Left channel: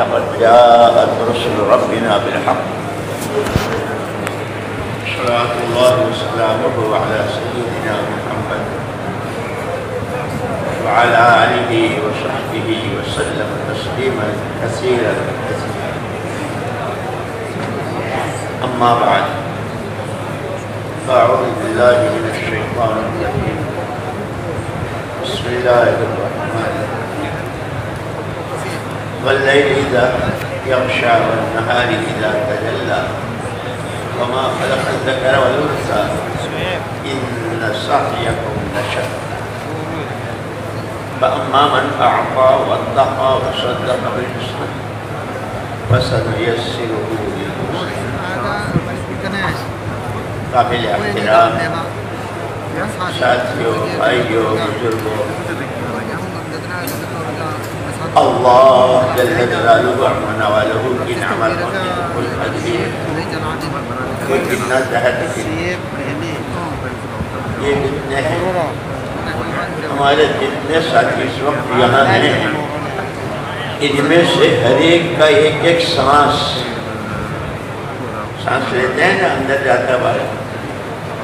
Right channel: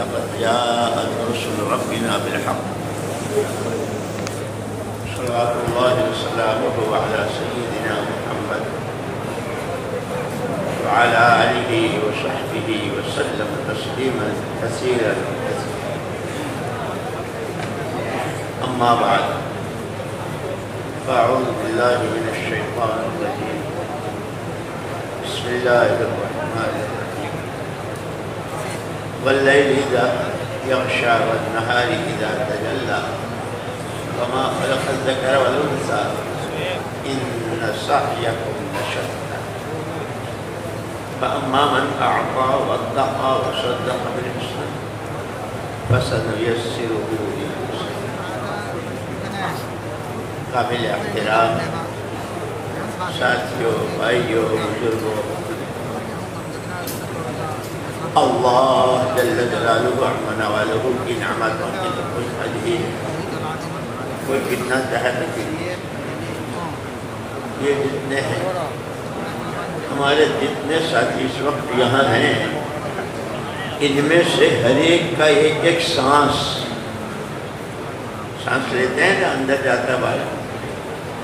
لقد جاءت رسل ربنا بالحق صلوات الله وسلامه على سيدنا محمد وعلى آله وصحبه وسلم تسليما كثيرا أما بعد أعوذ بالله من الشيطان الرجيم بسم الله الرحمن الرحيم والليل إذا يغشى والنهار إذا تجلى وما خلق الذكر والأنثى إن سعيكم لشتى فأما من أعطى واتقى وصدق بالحسنى فسنيسره لليسرى قابل احترام ساتھیوں بھائیوں بزرگوں اللہ جل جلالہ ونوالہ کی نعمت والقدیر وہ کتنا تحت یہ جتنے ہیں ہمارے جتنے ساتھی اس وقت یہاں ہیں ان میں سے ہر ایک کا ایک سانس لیتے ہیں نا اندر جاتا والا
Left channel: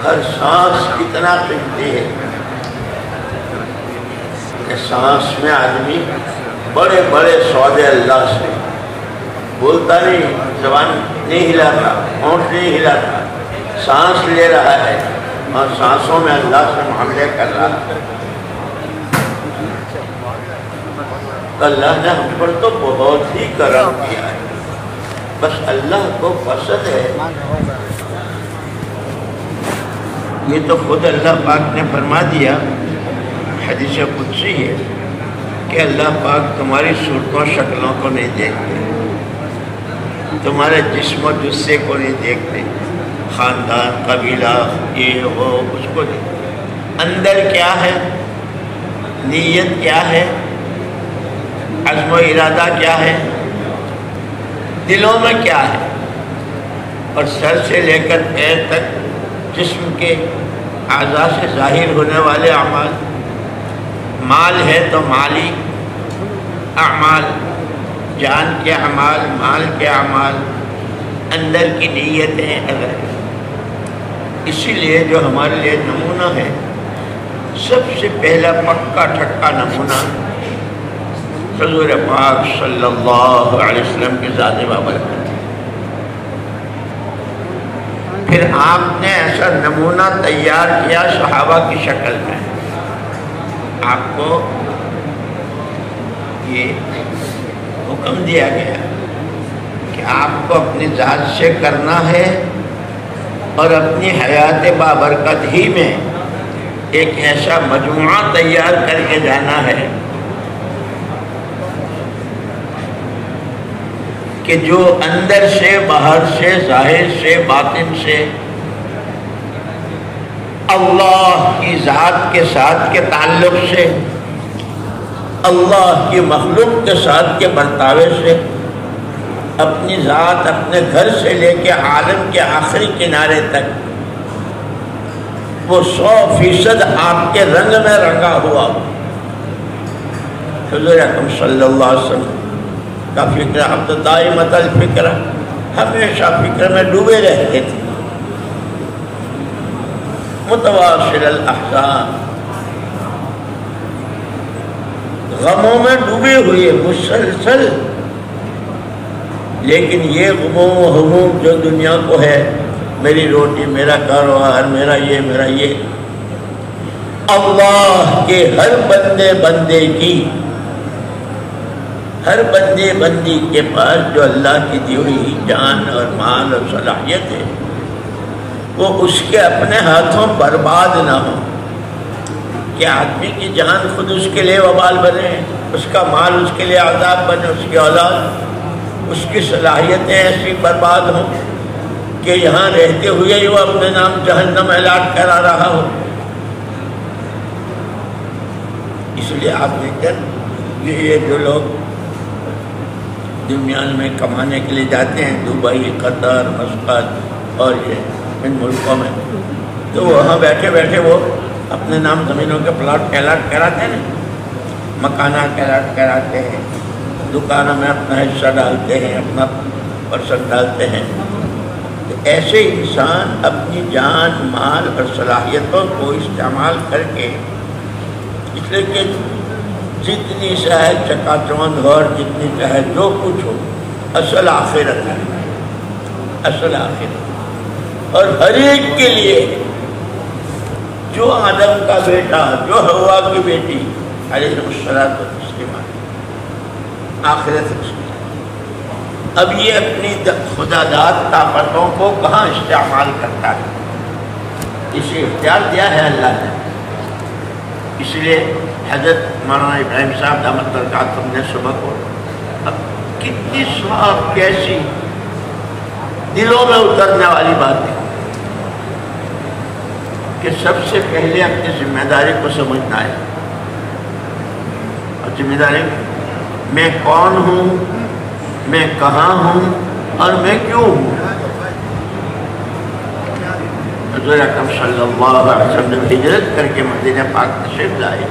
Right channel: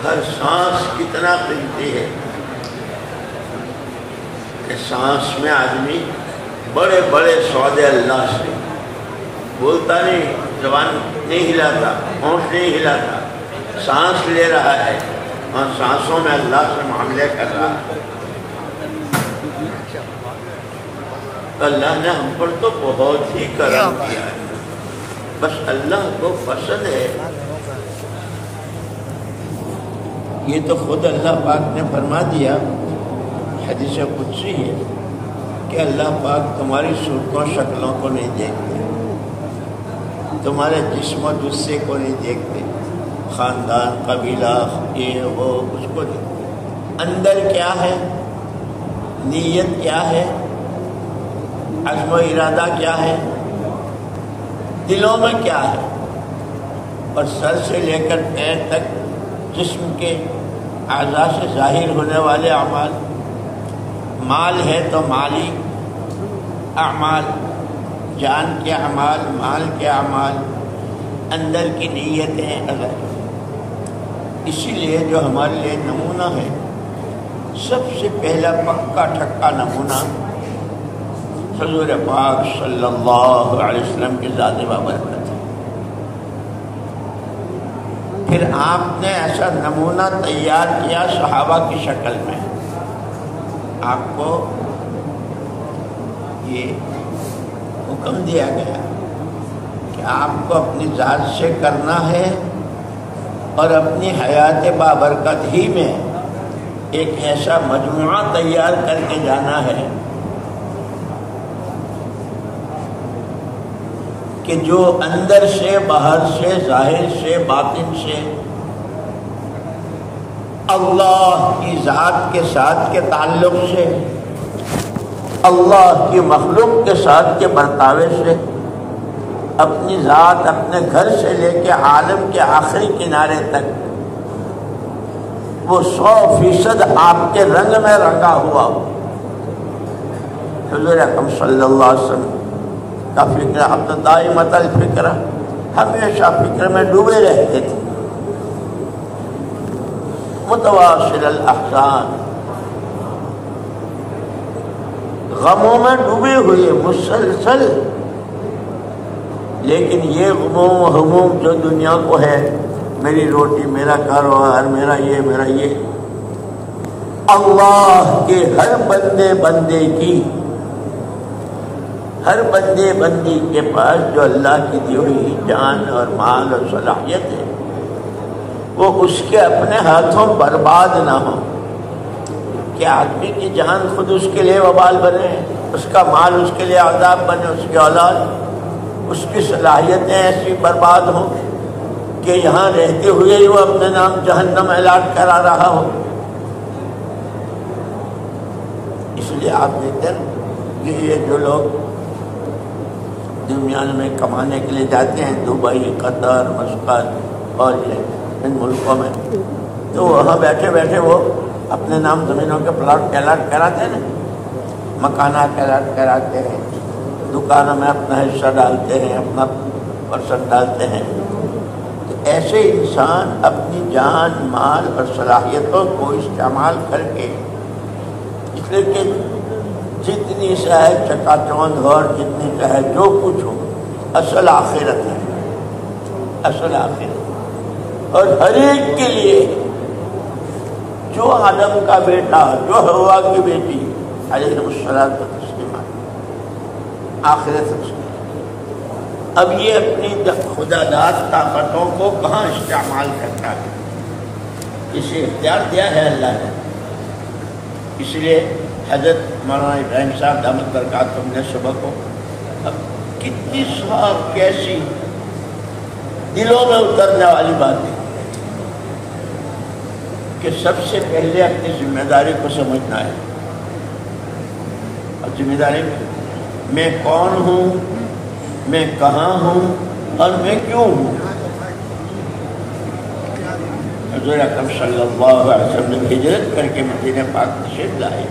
ہر سانس کتنا قیمتی ہے کہ سانس میں آدمی بڑے بڑے سودے اللہ سے بولتا نہیں زبان نہیں ہلاتا ہونٹ نہیں ہلاتا سانس لے رہا ہے اور سانسوں میں اللہ سے معاملے کر رہا ہے اللہ نے ہم پر تو بہت ہی کرم کیا ہے بس اللہ کو پسند ہے یہ تو خود اللہ پاک نے فرما دیا حدیث قدسی ہے کہ اللہ پاک تمہاری صورتوں شکلوں کو نہیں دیکھتے تمہارے جسم و جثے کو نہیں دیکھتے خاندان قبیلہ یہ وہ اس کو دیکھتے اندر کیا ہے نیت کیا ہے عزم و ارادہ کیا ہے دلوں میں کیا ہے اور سر سے لے کر پیر تک جسم کے اعضاء سے ظاہر ہونے والے اعمال مال ہے تو مالی اعمال جان کے اعمال مال کے اعمال اندر کی نیتیں الگ اسی لیے جو ہمارے لیے نمونہ ہے سب سے پہلا پکا ٹھکا نمونہ حضور پاک صلی اللہ علیہ وسلم کی ذات بابرکت ہے پھر آپ نے ایسا نمونہ تیار کیا صحابہ کی شکل میں آپ کو یہ حکم دیا گیا کہ آپ کو اپنی ذات سے کرنا ہے اور اپنی حیات بابرکت ہی میں ایک ایسا مجموعہ تیار کر کے جانا ہے کہ جو اندر سے باہر سے ظاہر سے باطن سے اللہ کی ذات کے ساتھ کے تعلق سے اللہ کی مخلوق کے ساتھ کے برتاوے سے اپنی ذات اپنے گھر سے لے کے عالم کے آخری کنارے تک وہ 100% آپ کے رنگ میں رنگا ہوا حضور اکرم صلی اللہ علیہ وسلم کا فکر اب تو دائمۃ الفکر ہمیشہ فکر میں ڈوبے رہتے تھے متواصل الاحزان غموں میں ڈوبے ہوئے مسلسل لیکن یہ غموں و ہموم جو دنیا کو ہے میری روٹی میرا کاروبار میرا یہ اللہ کے ہر بندے کی ہر بندی کے پاس جو اللہ کی دی ہوئی جان اور مال اور صلاحیت ہے وہ اس کے اپنے ہاتھوں برباد نہ ہو کہ آدمی کی جان خود اس کے لیے وبال بنے اس کا مال اس کے لیے عذاب بنے اس کی اولاد اس کی صلاحیتیں ایسی برباد ہوں کہ یہاں رہتے ہوئے ہی وہ اپنے نام جہنم اعلان کرا رہا ہو اس لیے آپ دیکھتے ہیں یہ جو لوگ دنیا میں کمانے کے لیے جاتے ہیں دبئی قطر مسقط اور یہ ان ملکوں میں تو وہاں بیٹھے بیٹھے وہ اپنے نام زمینوں کے پلاٹ کیلاٹ کراتے ہیں مکانات کیلاٹ کراتے ہیں دکانوں میں اپنا حصہ ڈالتے ہیں، اپنا پرسنٹ ڈالتے ہیں، تو ایسے انسان اپنی جان مال اور صلاحیتوں کو استعمال کر کے، اس لیے کہ جتنی چاہے چکا چوند اور جتنی چاہے جو کچھ ہو، اصل آخرت ہے، اصل آخرت۔ اور ہر ایک کے لیے، جو آدم کا بیٹا، جو حوا کی بیٹی علیہ الصلوۃ والسلام، آخرت ہے۔ اب یہ اپنی خدا داد طاقتوں کو کہاں استعمال کرتا ہے؟ اسی اختیار دیا ہے اللہ نے۔ اس لیے حضرت مولانا ابراہیم صاحب دامت برکاتہم نے صبح کو کتنی صاف، کیسی دلوں میں اترنے والی بات ہے کہ سب سے پہلے اپنی ذمہ داری کو سمجھنا ہے۔ اور ذمہ داری میں کون ہوں، میں کہاں ہوں اور میں کیوں ہوں۔ حضور اکرم صلی اللہ علیہ وسلم نے ہجرت کر کے مدینہ پاک تشریف لائے،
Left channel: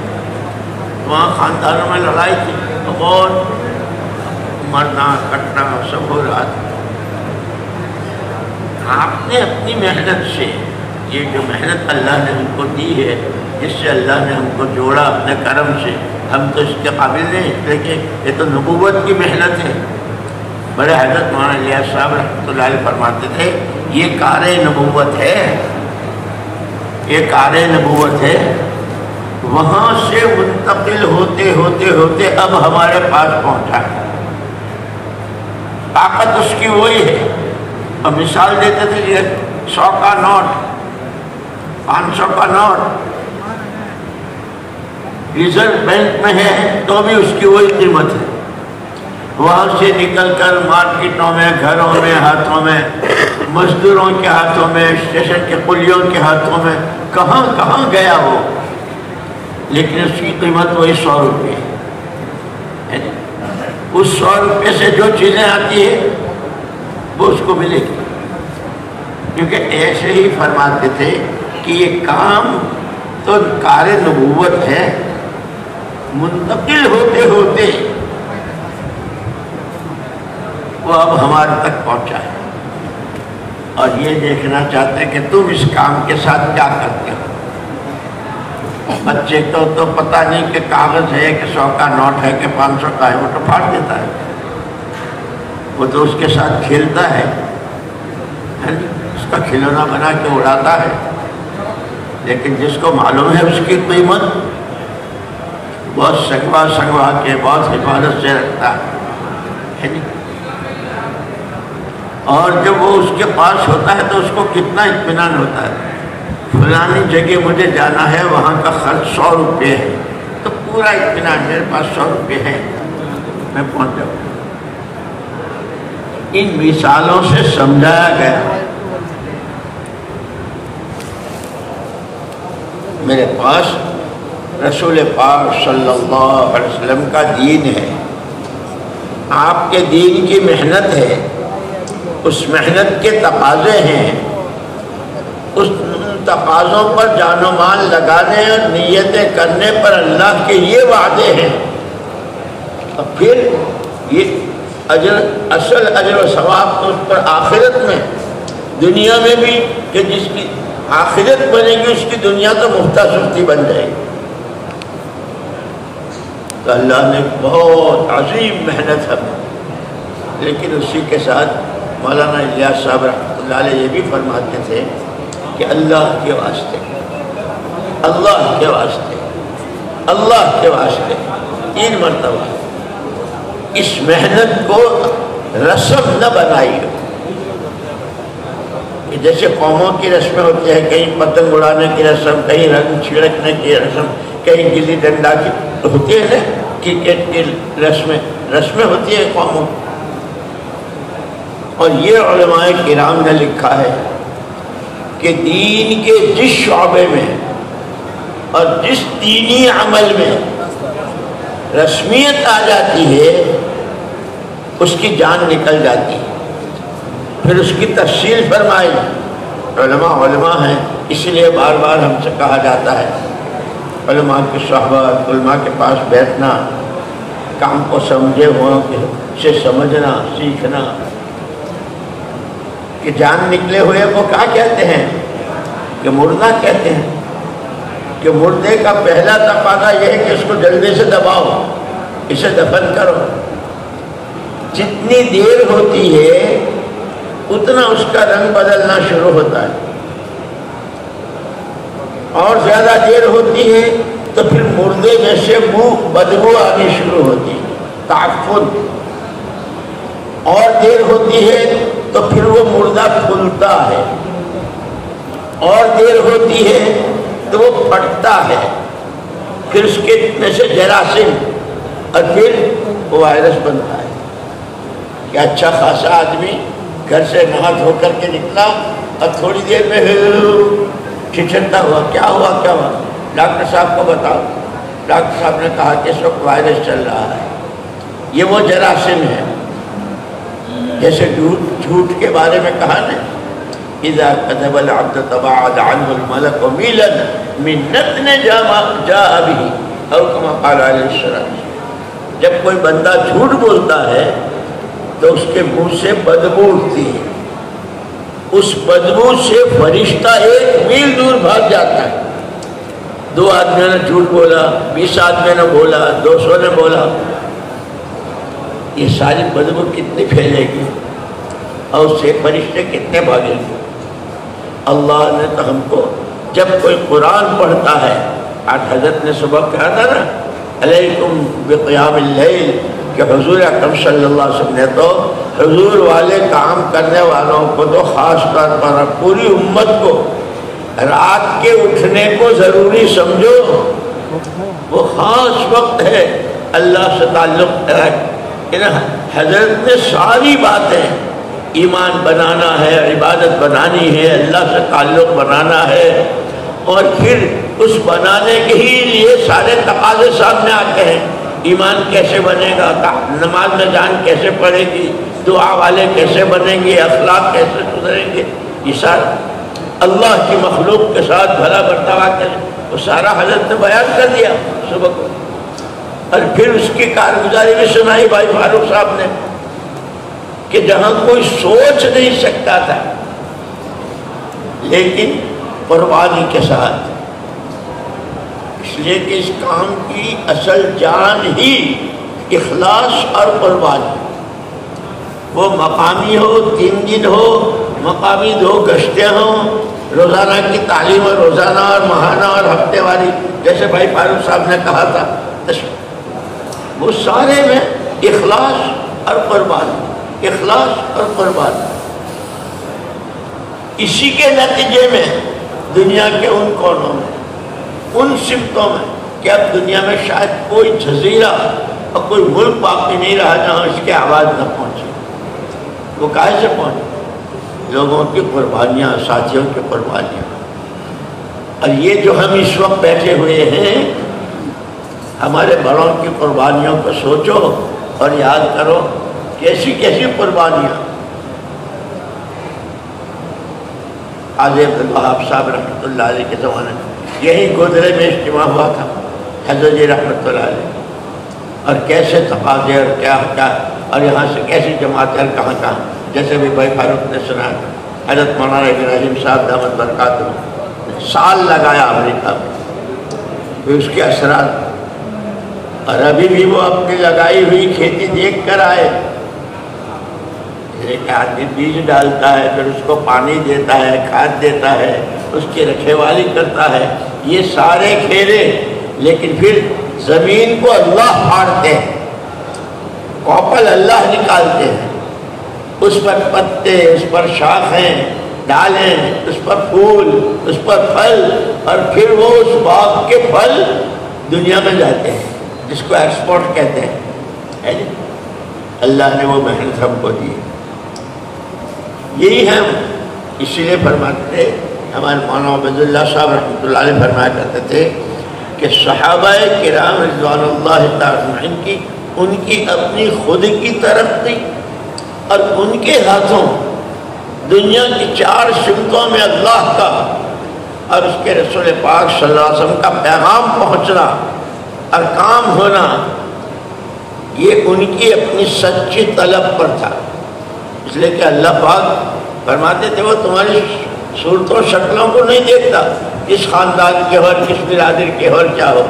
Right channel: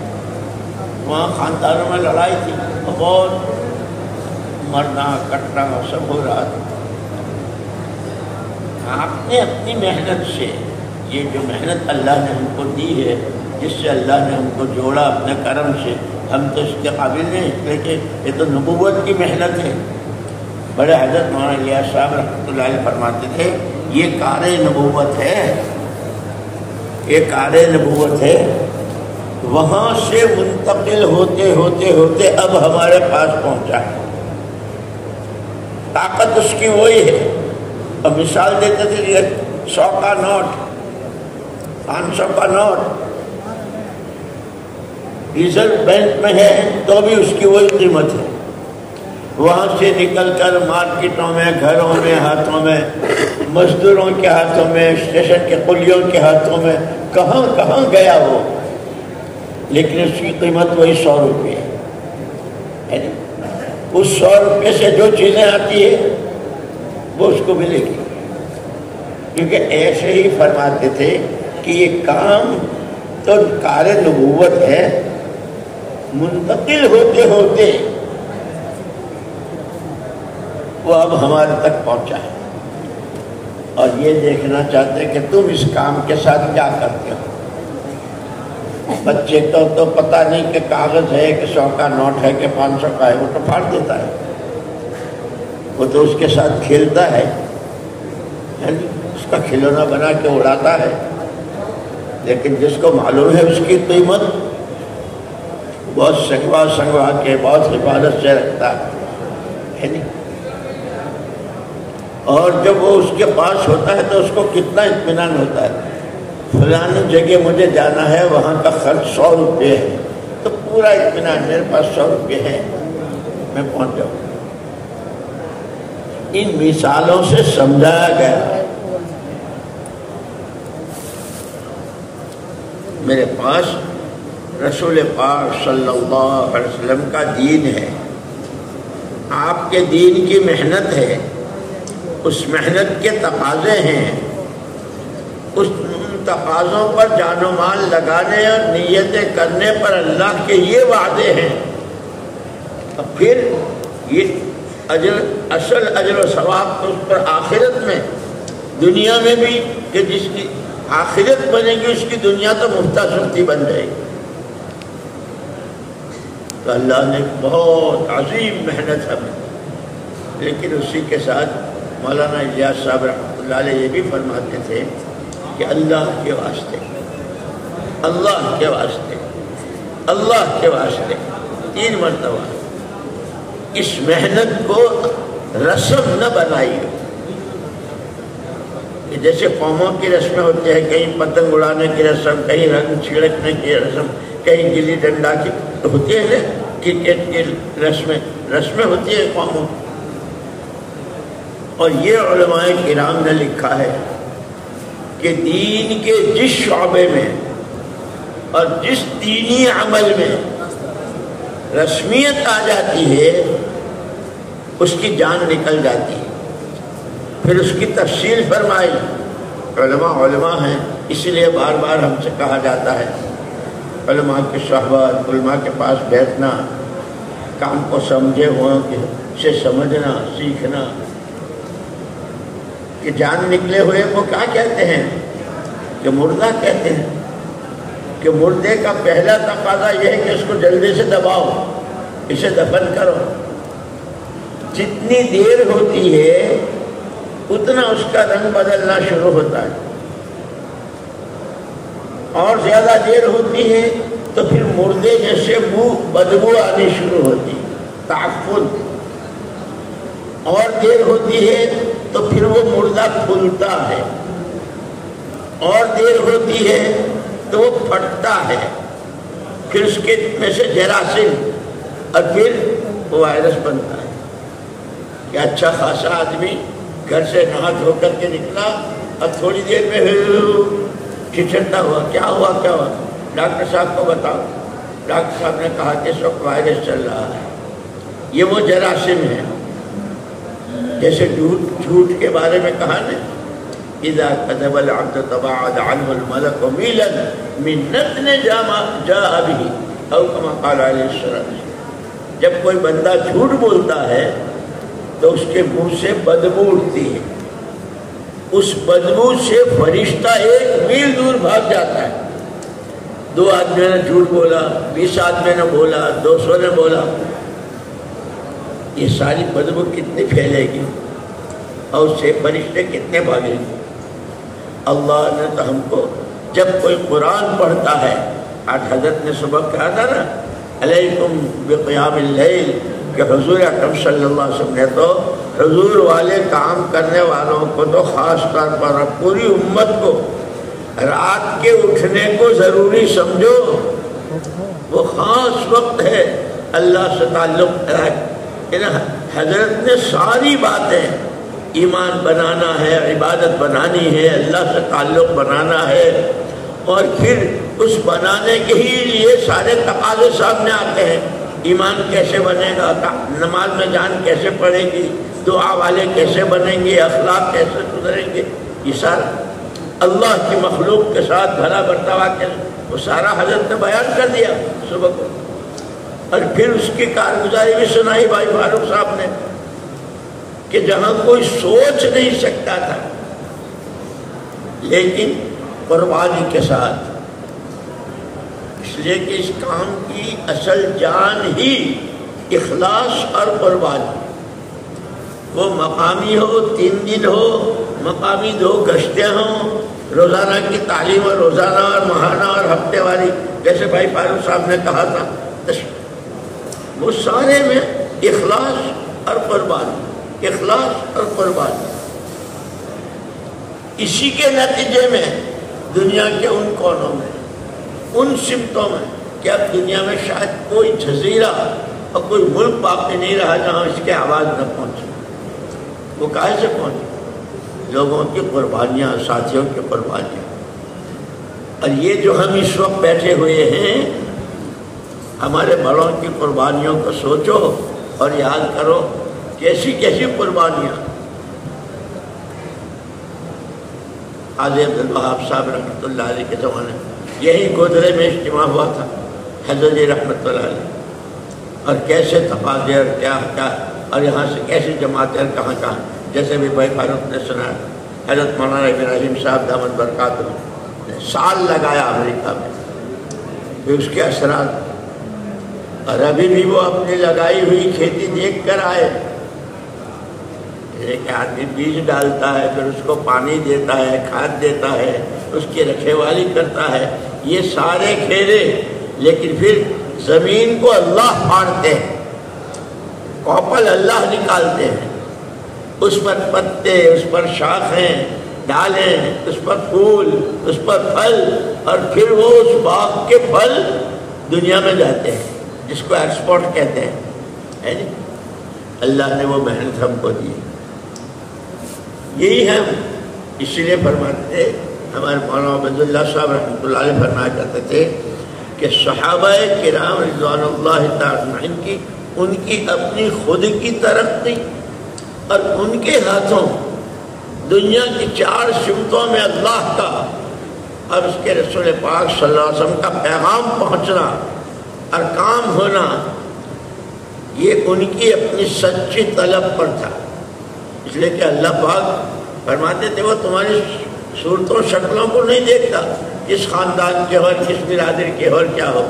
وہاں خاندانوں میں لڑائی تھی، بہت مرنا کٹنا سب ہو رہا تھا۔ آپ نے اپنی محنت سے، یہ جو محنت اللہ نے ہم کو دی ہے، جس سے اللہ نے ہم کو جوڑا اپنے کرم سے، ہم تو اس کے قابل نہیں، لیکن یہ تو نبوت کی محنت ہے۔ بڑے حضرت مولانا الیاس صاحب رحمۃ اللہ علیہ فرماتے تھے، یہ کار نبوت ہے، یہ کار نبوت ہے۔ وہاں سے منتقل ہوتے ہوتے ہوتے اب ہمارے پاس پہنچا ہے۔ طاقت اس کی وہی ہے۔ اور مثال دیتے تھے، یہ 100 کا نوٹ، 500 کا نوٹ ریزرو بینک میں ہے تو بھی اس کی وہی قیمت ہے۔ وہاں سے نکل کر مارکیٹوں میں، گھروں میں، ہاتھوں میں، مزدوروں کے ہاتھوں میں، اسٹیشن کے قلیوں کے ہاتھوں میں، کہاں کہاں گیا وہ، لیکن اس کی قیمت وہی 100 روپے ہے۔ اس 100 روپے سے جو چیزیں آتی ہیں وہ اس کو ملے گی، کیونکہ ایسے ہی فرماتے تھے کہ یہ کام تو کار نبوت ہے، منتقل ہوتے ہوتے وہ اب ہمارے تک پہنچا ہے۔ اور یہ دیکھنا چاہتے ہیں کہ تم اس کام کے ساتھ کیا کرتے ہو۔ بچے کو تو پتہ نہیں کہ کاغذ ہے کہ 100 کا نوٹ ہے کہ 500 کا ہے، وہ تو پھاڑ دیتا ہے، وہ تو اس کے ساتھ کھیلتا ہے، اس کا کھلونا بنا کے اڑاتا ہے۔ لیکن جس کو معلوم ہے اس کی قیمت، بہت سنگوا کے بہت حفاظت سے رکھتا ہے نہیں۔ اور جب وہ اس کے پاس ہوتا ہے تو اس کو کتنا اطمینان ہوتا ہے، فلانی جگہ مجھے جانا ہے، وہاں کا خرچ 100 روپے ہے، تو پورا اطمینان، میرے پاس 100 روپے ہیں، میں پہنچ جاؤں۔ ان مثالوں سے سمجھایا گیا میرے پاس رسول پاک صلی اللہ علیہ وسلم کا دین ہے، آپ کے دین کی محنت ہے، اس محنت کے تقاضے ہیں، اس تقاضوں پر جان و مال لگانے اور نیتیں کرنے پر اللہ کے یہ وعدے ہیں۔ اور پھر یہ اصل اجر و ثواب تو اس پر آخرت میں، دنیا میں بھی، کہ جس کی آخرت بنے گی اس کی دنیا تو مفتہ سستی بن جائے گی۔ تو اللہ نے بہت عظیم محنت ہمیں، لیکن اسی کے ساتھ مولانا الیاس صاحب رحمۃ اللہ علیہ یہ بھی فرماتے تھے کہ اللہ کے واسطے، اللہ کے واسطے، اللہ کے واسطے 3 مرتبہ اس محنت کو رسم نہ بنائیے۔ کہ جیسے قوموں کی رسمیں ہوتی ہیں، کہیں پتنگ اڑانے کی رسم، کہیں رنگ چھڑکنے کی رسم، کہیں گلی ڈنڈا کی ہوتی ہے نا، کرکٹ کی رسمیں ہوتی ہیں قوموں۔ اور یہ علماء کرام نے لکھا ہے کہ دین کے جس شعبے میں اور جس دینی عمل میں رسمیت آ جاتی ہے اس کی جان نکل جاتی ہے۔ پھر اس کی تفصیل فرمائی، علماء ہیں، اس لیے بار بار ہم سے کہا جاتا ہے علماء کی صحبت، علماء کے پاس بیٹھنا، کام کو سمجھے وہاں سے سمجھنا سیکھنا کہ جان نکلے ہوئے کو کیا کہتے ہیں کہ مردہ کہتے ہیں کہ مردے کا پہلا تقاضا یہ ہے کہ اس کو جلدی سے دباؤ اسے دفن کرو جتنی دیر ہوتی ہے اتنا اس کا رنگ بدلنا شروع ہوتا ہے اور زیادہ دیر ہوتی ہے تو پھر مردے میں سے بدبو آنی شروع ہوتی ہے تعفن اور دیر ہوتی ہے تو پھر وہ مردہ کھلتا ہے اور دیر ہوتی ہے تو وہ پھٹتا ہے پھر اس کے میں سے جراثیم اور پھر وہ وائرس بنتا ہے کہ اچھا خاصا آدمی گھر سے نہا دھو کر کے نکلا اور تھوڑی دیر میں چھچھڑتا ہوا کیا ہوا ڈاکٹر صاحب کو بتاؤ ڈاکٹر صاحب نے کہا کہ اس وقت وائرس چل رہا ہے یہ وہ جراثیم ہے جیسے جھوٹ کے بارے میں کہا نا اذا كذب العبد تباعد عنه الملك ميلا من نتن جاء به او كما قال عليه السلام جب کوئی بندہ جھوٹ بولتا ہے تو اس کے منہ سے بدبو اٹھتی ہے اس بدبو سے فرشتہ 1 میل دور بھاگ جاتا ہے 2 آدمیوں نے جھوٹ بولا 20 آدمیوں نے بولا 200 نے بولا یہ ساری بدبو کتنی پھیلے گی اور اس سے فرشتے کتنے بھاگیں گے اللہ نے تو ہم کو جب کوئی قرآن پڑھتا ہے آج حضرت نے صبح کہا تھا نا علیکم بقیام اللیل کہ حضور اکرم صلی اللہ علیہ وسلم نے تو حضور والے کام کرنے والوں کو تو خاص طور پر پوری امت کو رات کے اٹھنے کو ضروری سمجھو وہ خاص وقت ہے اللہ سے تعلق حضرت نے ساری باتیں ایمان بنانا ہے عبادت بنانی ہے اللہ سے تعلق بنانا ہے اور پھر اس بنانے کے ہی لیے سارے تقاضے سامنے آتے ہیں ایمان کیسے بنے گا نماز میں جان کیسے پڑھے گی دعا والے کیسے بنیں گے اخلاق کیسے سدھریں گے یہ سارا اللہ کی مخلوق کے ساتھ بھلا برتاوا کیسے وہ سارا حضرت نے بیان کر دیا صبح کو اور پھر اس کی کارگزاری بھی سنائی بھائی فاروق صاحب نے کہ جہاں کوئی سوچ نہیں سکتا تھا لیکن قربانی کے ساتھ اس لیے کہ اس کام کی اصل جان ہی اخلاص اور قربانی وہ مقامی ہو 3 دن ہو مقامی 2 گشتیں ہوں روزانہ کی تعلیم اور روزانہ اور ماہانہ اور ہفتے والی جیسے بھائی فاروق صاحب نے کہا تھا وہ سارے میں اخلاص اور قربانی اخلاص اور قربانی اسی کے نتیجے میں دنیا کے ان کونوں میں ان سمتوں میں کہ اب دنیا میں شاید کوئی جزیرہ اور کوئی ملک باقی نہیں رہا جہاں اس کی آواز نہ پہنچے وہ کہاں سے پہنچے لوگوں کی قربانیاں ساتھیوں کی قربانیاں اور یہ جو ہم اس وقت بیٹھے ہوئے ہیں ہمارے بڑوں کی قربانیوں کو سوچو اور یاد کرو کیسی کیسی قربانیاں حاجی عبدالوہاب صاحب رحمۃ اللہ علیہ کے زمانے میں یہی گودرے میں اجتماع ہوا تھا حضرت جی رحمۃ اللہ علیہ اور کیسے تقاضے اور کیا اور یہاں سے کیسی جماعتیں اور کہاں کہاں جیسے بھی بھائی فاروق نے سنا حضرت مولانا ابراہیم صاحب دامت برکاتہ سال لگایا امریکہ میں پھر اس کے اثرات اور ابھی بھی وہ اپنی لگائی ہوئی کھیتی دیکھ کر آئے ایک آدمی بیج ڈالتا ہے پھر اس کو پانی دیتا ہے کھاد دیتا ہے اس کی رکھوالی کرتا ہے یہ سارے کھیرے لیکن پھر زمین کو اللہ پھاڑتے ہیں کوپل اللہ نکالتے ہیں اس پر پتے اس پر شاخیں ڈالیں اس پر پھول اس پر پھل اور پھر وہ اس باغ کے پھل دنیا میں جاتے ہیں جس کو ایکسپورٹ کہتے ہیں اللہ نے وہ محنت ہم کو دی یہی ہم اسی لیے فرماتے تھے ہمارے مولانا عبید اللہ صاحب رحمۃ اللہ علیہ فرمایا کرتے تھے کہ صحابہ کرام رضوان اللہ تعالی کی ان کی اپنی خود کی ترقی اور ان کے ہاتھوں دنیا کی 4 سمتوں میں اللہ کا اور اس کے رسول پاک صلی اللہ علیہ وسلم کا پیغام پہنچنا اور کام ہونا یہ ان کی اپنی سچی طلب پر تھا، اس لیے کہ اللہ پاک فرماتے تھے وہ تمہاری صورتوں شکلوں کو نہیں دیکھتا، کس خاندان کے ہو اور کس برادر کے ہو اور کیا ہو،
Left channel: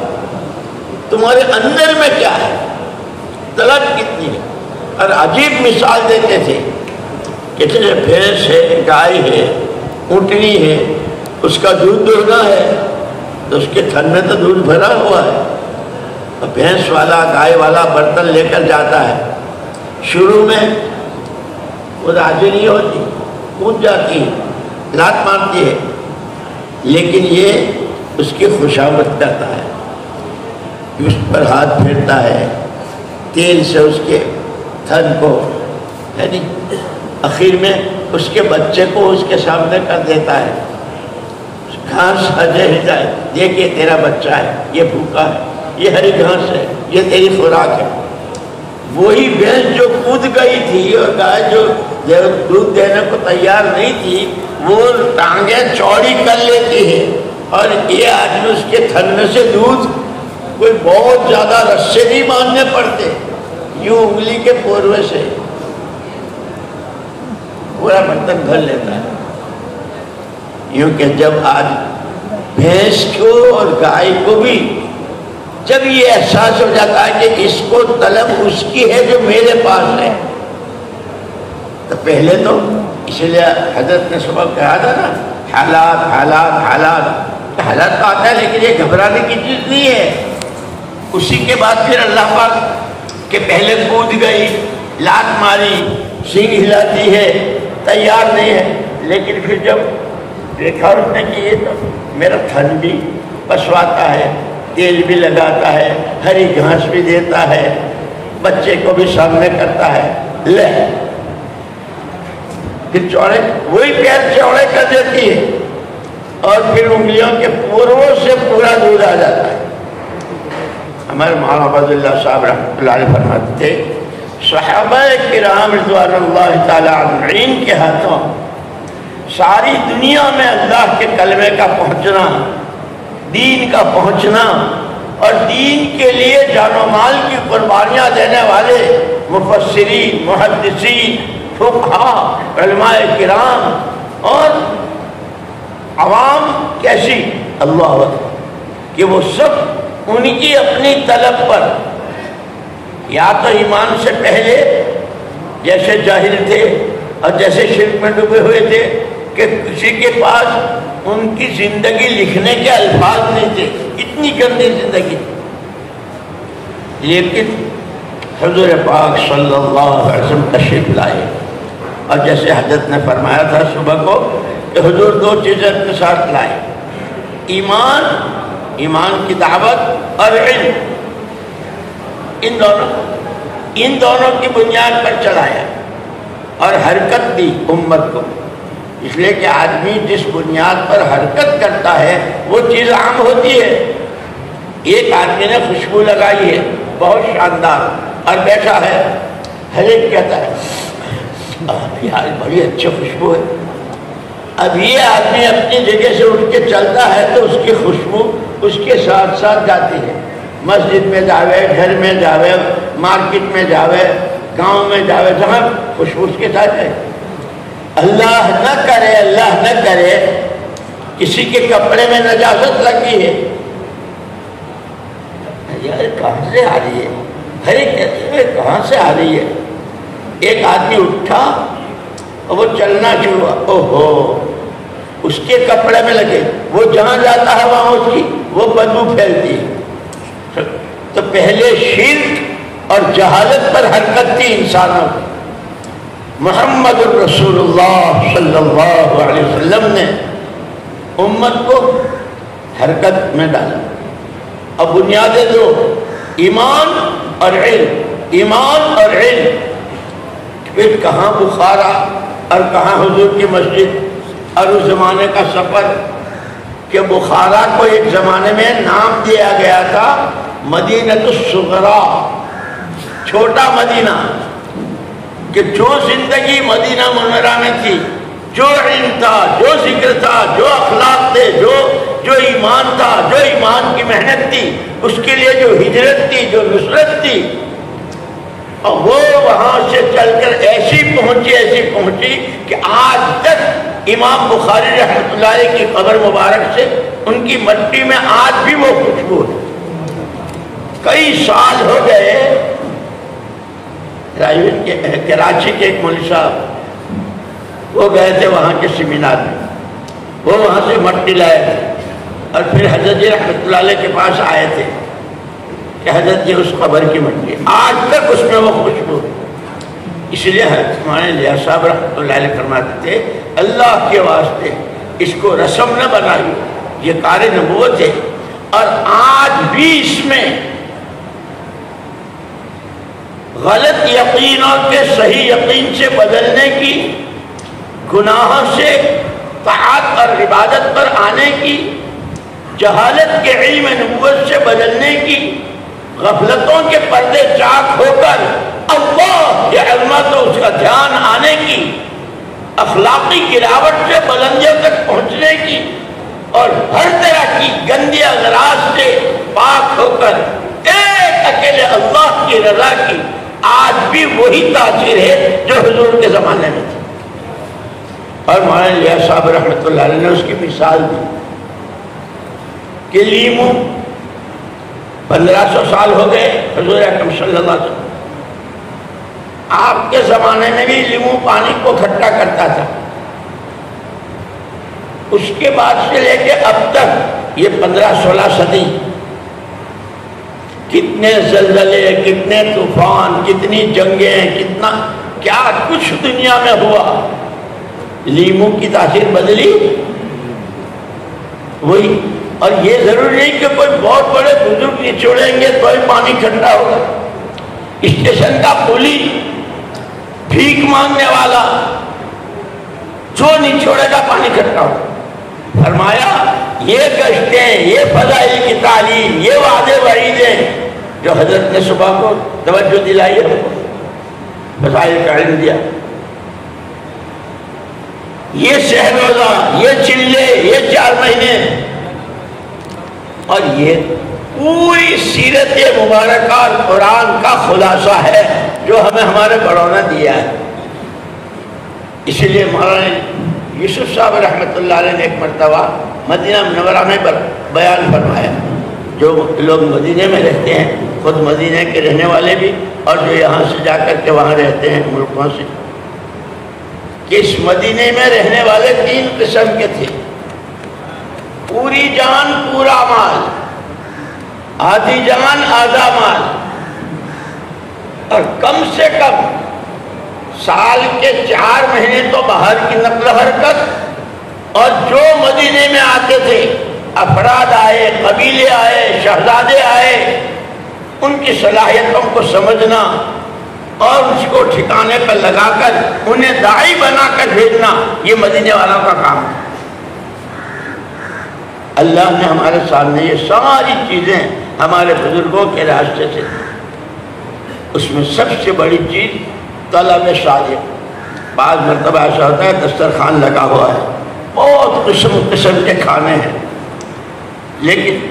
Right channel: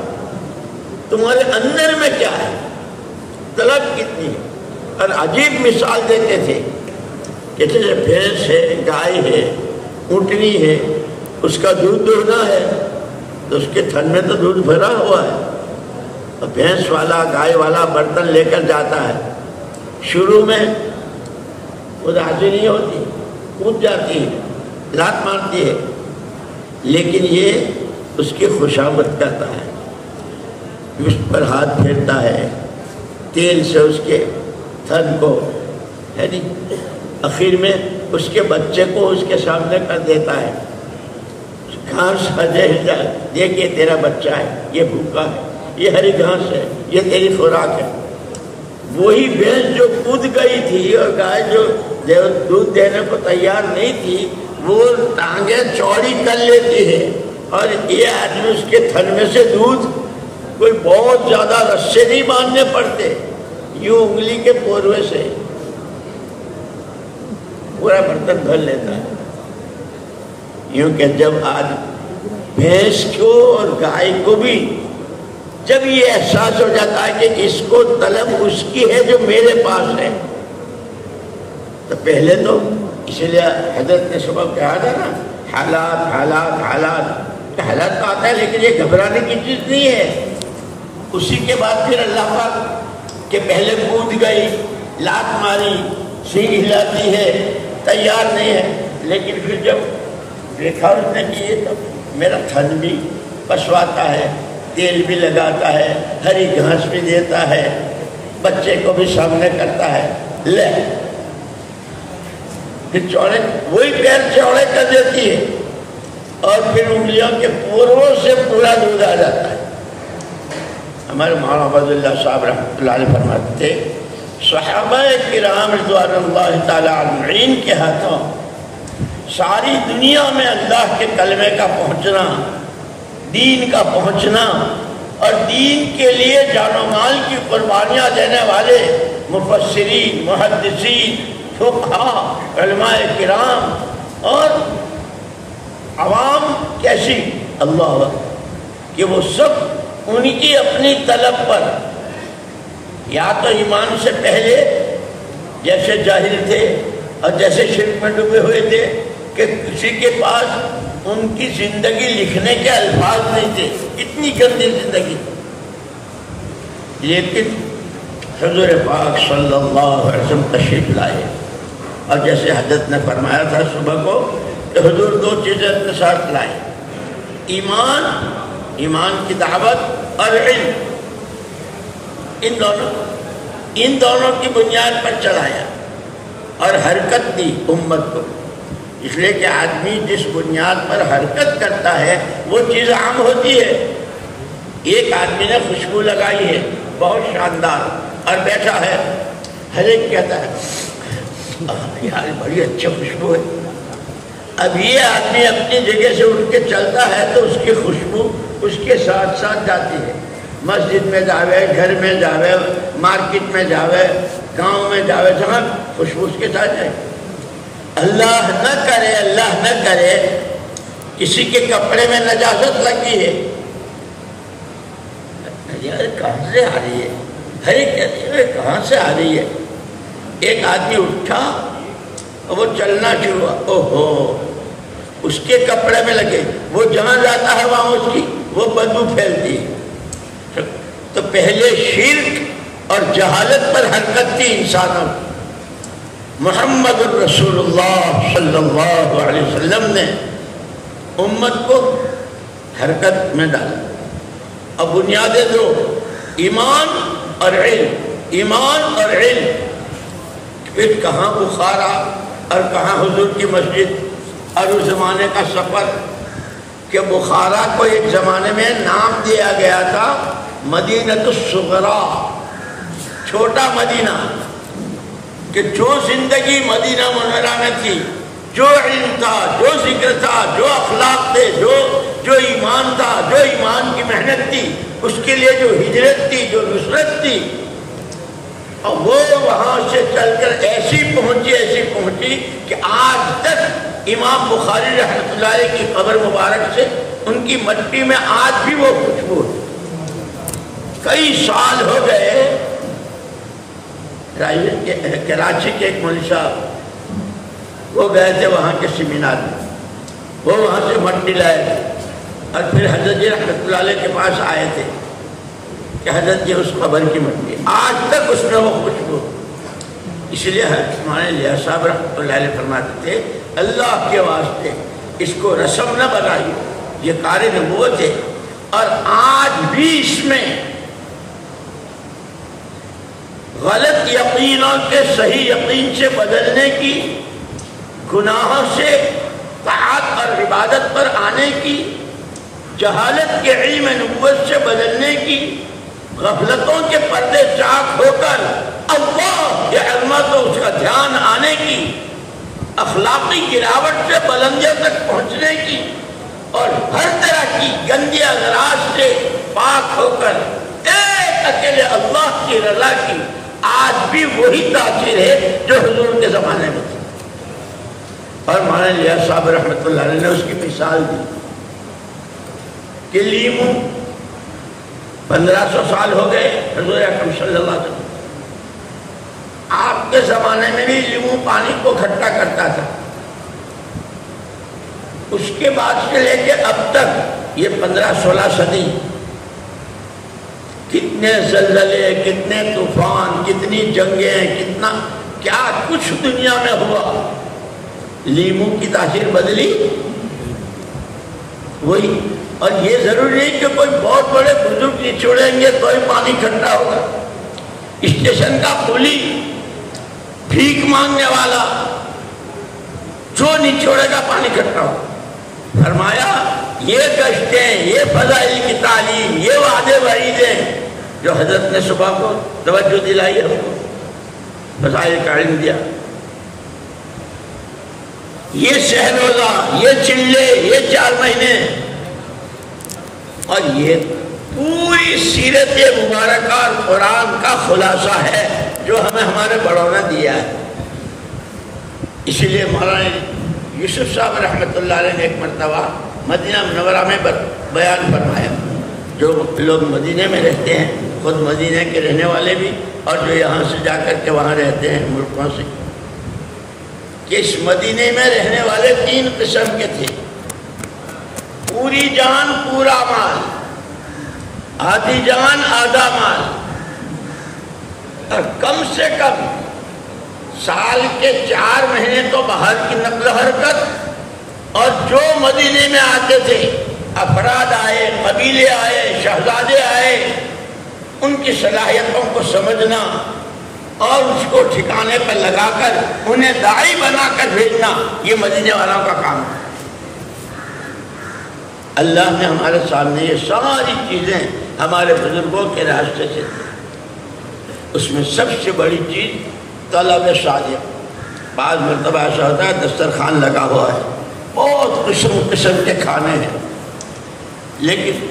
تمہارے اندر میں کیا ہے، طلب کتنی ہے۔ اور عجیب مثال دیتے تھے کہ جیسے بھینس ہے، گائے ہے، اونٹنی ہے، اس کا دودھ دوہنا ہے تو اس کے تھن میں تو دودھ بھرا ہوا ہے، بھینس والا گائے والا برتن لے کر جاتا ہے، شروع میں وہ راضی نہیں ہوتی، کود جاتی ہے، لات مارتی ہے، لیکن یہ اس کی خوشامد کرتا ہے، اس پر ہاتھ پھیرتا ہے، تیل سے اس کے تھن کو، یعنی آخر میں اس کے بچے کو اس کے سامنے کر دیتا ہے، گھاس ہجے ہجائے، دیکھیے تیرا بچہ ہے، یہ بھوکا ہے، یہ ہری گھاس ہے، یہ تیری خوراک ہے۔ وہی بھینس جو کود گئی تھی اور گائے جو دودھ دینے کو تیار نہیں تھی، وہ ٹانگیں چوڑی کر لیتی ہے، اور یہ آدمی اس کے تھن میں سے دودھ کوئی بہت زیادہ رسے نہیں ماننے پڑتے، یوں انگلی کے پوروے سے پورا برتن بھر لیتا ہے۔ یوں کہ جب آج بھینس کو اور گائے کو بھی جب یہ احساس ہو جاتا ہے کہ اس کو طلب اس کی ہے جو میرے پاس ہے، تو پہلے تو اس لیے حضرت نے صبح کہا تھا نا، حالات حالات حالات حالات تو آتا ہے، لیکن یہ گھبرانے کی چیز نہیں ہے۔ اسی کے بعد پھر اللہ پاک کہ پہلے کود گئی، لات ماری، سینگ ہلاتی ہے، تیار نہیں ہے، لیکن پھر جب دیکھا اس نے کہ یہ تو میرا تھن بھی پسواتا ہے، تیل بھی لگاتا ہے، ہری گھاس بھی دیتا ہے، بچے کو بھی سامنے کرتا ہے، لے پھر چوڑے، وہی پیر چوڑے کر دیتی ہے، اور پھر انگلیوں کے پوروں سے پورا دودھ آ جاتا ہے۔ ہمارے مولانا عبد اللہ صاحب رحمۃ اللہ علیہ فرماتے تھے، صحابہ کرام رضوان اللہ تعالی اجمعین کے ہاتھوں ساری دنیا میں اللہ کے کلمے کا پہنچنا، دین کا پہنچنا، اور دین کے لیے جان و مال کی قربانیاں دینے والے مفسرین، محدثین، فقہاء، علماء کرام اور عوام کیسی اللہ اکبر کہ وہ سب ان کی اپنی طلب پر یا تو ایمان سے پہلے جیسے جاہل تھے اور جیسے شرک میں ڈوبے ہوئے تھے کہ کسی کے پاس ان کی زندگی لکھنے کے الفاظ نہیں تھے، اتنی گندی زندگی، لیکن حضور پاک صلی اللہ علیہ وسلم تشریف لائے، اور جیسے حضرت نے فرمایا تھا صبح کو کہ حضور دو چیزیں اپنے ساتھ لائے، ایمان کی دعوت اور علم، ان دونوں کی بنیاد پر چلایا اور حرکت دی امت کو، اس لیے کہ آدمی جس بنیاد پر حرکت کرتا ہے وہ چیز عام ہوتی ہے۔ ایک آدمی نے خوشبو لگائی ہے بہت شاندار اور بیٹھا ہے، ہر ایک کہتا ہے یار بڑی اچھی خوشبو ہے، اب یہ آدمی اپنی جگہ سے اٹھ کے چلتا ہے تو اس کی خوشبو اس کے ساتھ ساتھ جاتی ہے، مسجد میں جاوے، گھر میں جاوے، مارکیٹ میں جاوے، گاؤں میں جاوے، جہاں خوشبو اس کے ساتھ جائے۔ اللہ نہ کرے کسی کے کپڑے میں نجاست لگی ہے، یار کہاں سے آ رہی ہے، ہر ایک کہتے ہیں کہاں سے آ رہی ہے۔ ایک آدمی اٹھا اور وہ چلنا شروع ہوا، اوہو اس کے کپڑے میں لگے، وہ جہاں جاتا ہے وہاں اس کی وہ بدبو پھیلتی ہے۔ تو پہلے شرک اور جہالت پر حرکت تھی انسانوں کی، محمد رسول اللہ صلی اللہ علیہ وسلم نے امت کو حرکت میں ڈالا، اب بنیادیں دو، ایمان اور علم، پھر کہاں بخارا اور کہاں حضور کی مسجد، اور اس زمانے کا سفر کہ بخارا کو ایک زمانے میں نام دیا گیا تھا مدینۃ الصغرا، چھوٹا مدینہ، کہ جو زندگی مدینہ منورہ میں تھی، جو علم تھا، جو ذکر تھا، جو اخلاق تھے، جو ایمان تھا، جو ایمان کی محنت تھی، اس کے لیے جو ہجرت تھی، جو نصرت تھی، اور وہ وہاں سے چل کر ایسی پہنچی کہ آج تک امام بخاری رحمۃ اللہ علیہ کی قبر مبارک سے ان کی مٹی میں آج بھی وہ خوشبو ہے. کئی سال ہو گئے. کراچی کے ایک مولوی صاحب وہ گئے تھے وہاں کے سیمینار میں, وہ وہاں سے مٹی لائے گئے اور پھر حضرت جی رحمۃ اللہ علیہ کے پاس آئے تھے کہ حضرت جی اس قبر کی مٹی آج تک اس میں وہ خوشبو. اس لیے ہمارے لیا صاحب رحمۃ اللہ علیہ فرماتے تھے اللہ کے واسطے اس کو رسم نہ بنائیے, یہ کار نبوت ہے. اور آج بھی اس میں غلط یقینوں کے صحیح یقین سے بدلنے کی, گناہوں سے طاعت اور عبادت پر آنے کی, جہالت کے علم نبوت سے بدلنے کی, غفلتوں کے پردے چاک ہو کر اللہ کے عظمت و اس کا دھیان آنے کی, اخلاقی گراوٹ سے بلندیوں تک پہنچنے کی, اور ہر طرح کی گندی اغراض سے پاک ہو کر ایک اکیلے اللہ کی رضا کی آج بھی وہی تاثیر ہے جو حضور کے زمانے میں تھی. اور مولانا لیا صاحب رحمۃ اللہ علیہ نے اس کی مثال دی کہ لیمو 1500 سال ہو گئے حضور اکرم صلی اللہ علیہ وسلم, آپ کے زمانے میں بھی لیمو پانی کو کھٹا کرتا تھا. اس کے بعد سے لے کے اب تک یہ 15-16 صدی کتنے زلزلے, کتنے طوفان, کتنی جنگیں, کتنا کیا کچھ دنیا میں ہوا. لیمو کی تاثیر بدلی وہی. اور یہ ضروری نہیں کہ کوئی بہت بڑے بزرگ نچوڑیں گے تو ہی پانی ٹھنڈا ہوگا. اسٹیشن کا پولی, بھیک مانگنے والا, جو نچوڑے گا پانی ٹھنڈا ہوگا. فرمایا یہ گشتیں, یہ فضائل کی تعلیم, یہ وعدے وعیدیں جو حضرت نے صبح کو توجہ دلائی ہے, فضائل کا علم دیا. یہ شہر روزہ, یہ چلے, یہ 4 مہینے, اور یہ پوری سیرت مبارکہ قرآن کا خلاصہ ہے جو ہمیں ہمارے بڑوں نے دیا ہے. اسی لیے مولانا یوسف صاحب رحمۃ اللہ علیہ نے ایک مرتبہ مدینہ منورہ میں بیان فرمایا, جو لوگ مدینہ میں رہتے ہیں, خود مدینہ کے رہنے والے بھی اور جو یہاں سے جا کر کے وہاں رہتے ہیں ملکوں سے, کہ اس مدینہ میں رہنے والے 3 قسم کے تھے. پوری جان پورا مال, آدھی جان آدھا مال, اور کم سے کم سال کے 4 مہینے تو باہر کی نقل و حرکت. اور جو مدینے میں آتے تھے, افراد آئے, قبیلے آئے, شہزادے آئے, ان کی صلاحیتوں کو سمجھنا اور اس کو ٹھکانے پر لگا کر انہیں داعی بنا کر بھیجنا, یہ مدینے والوں کا کام ہے. اللہ نے ہمارے سامنے یہ ساری چیزیں ہمارے بزرگوں کے راستے سے, اس میں سب سے بڑی چیز طلب صالح. بعض مرتبہ ایسا ہوتا ہے دسترخوان لگا ہوا ہے, بہت قسم کے کھانے ہیں, لیکن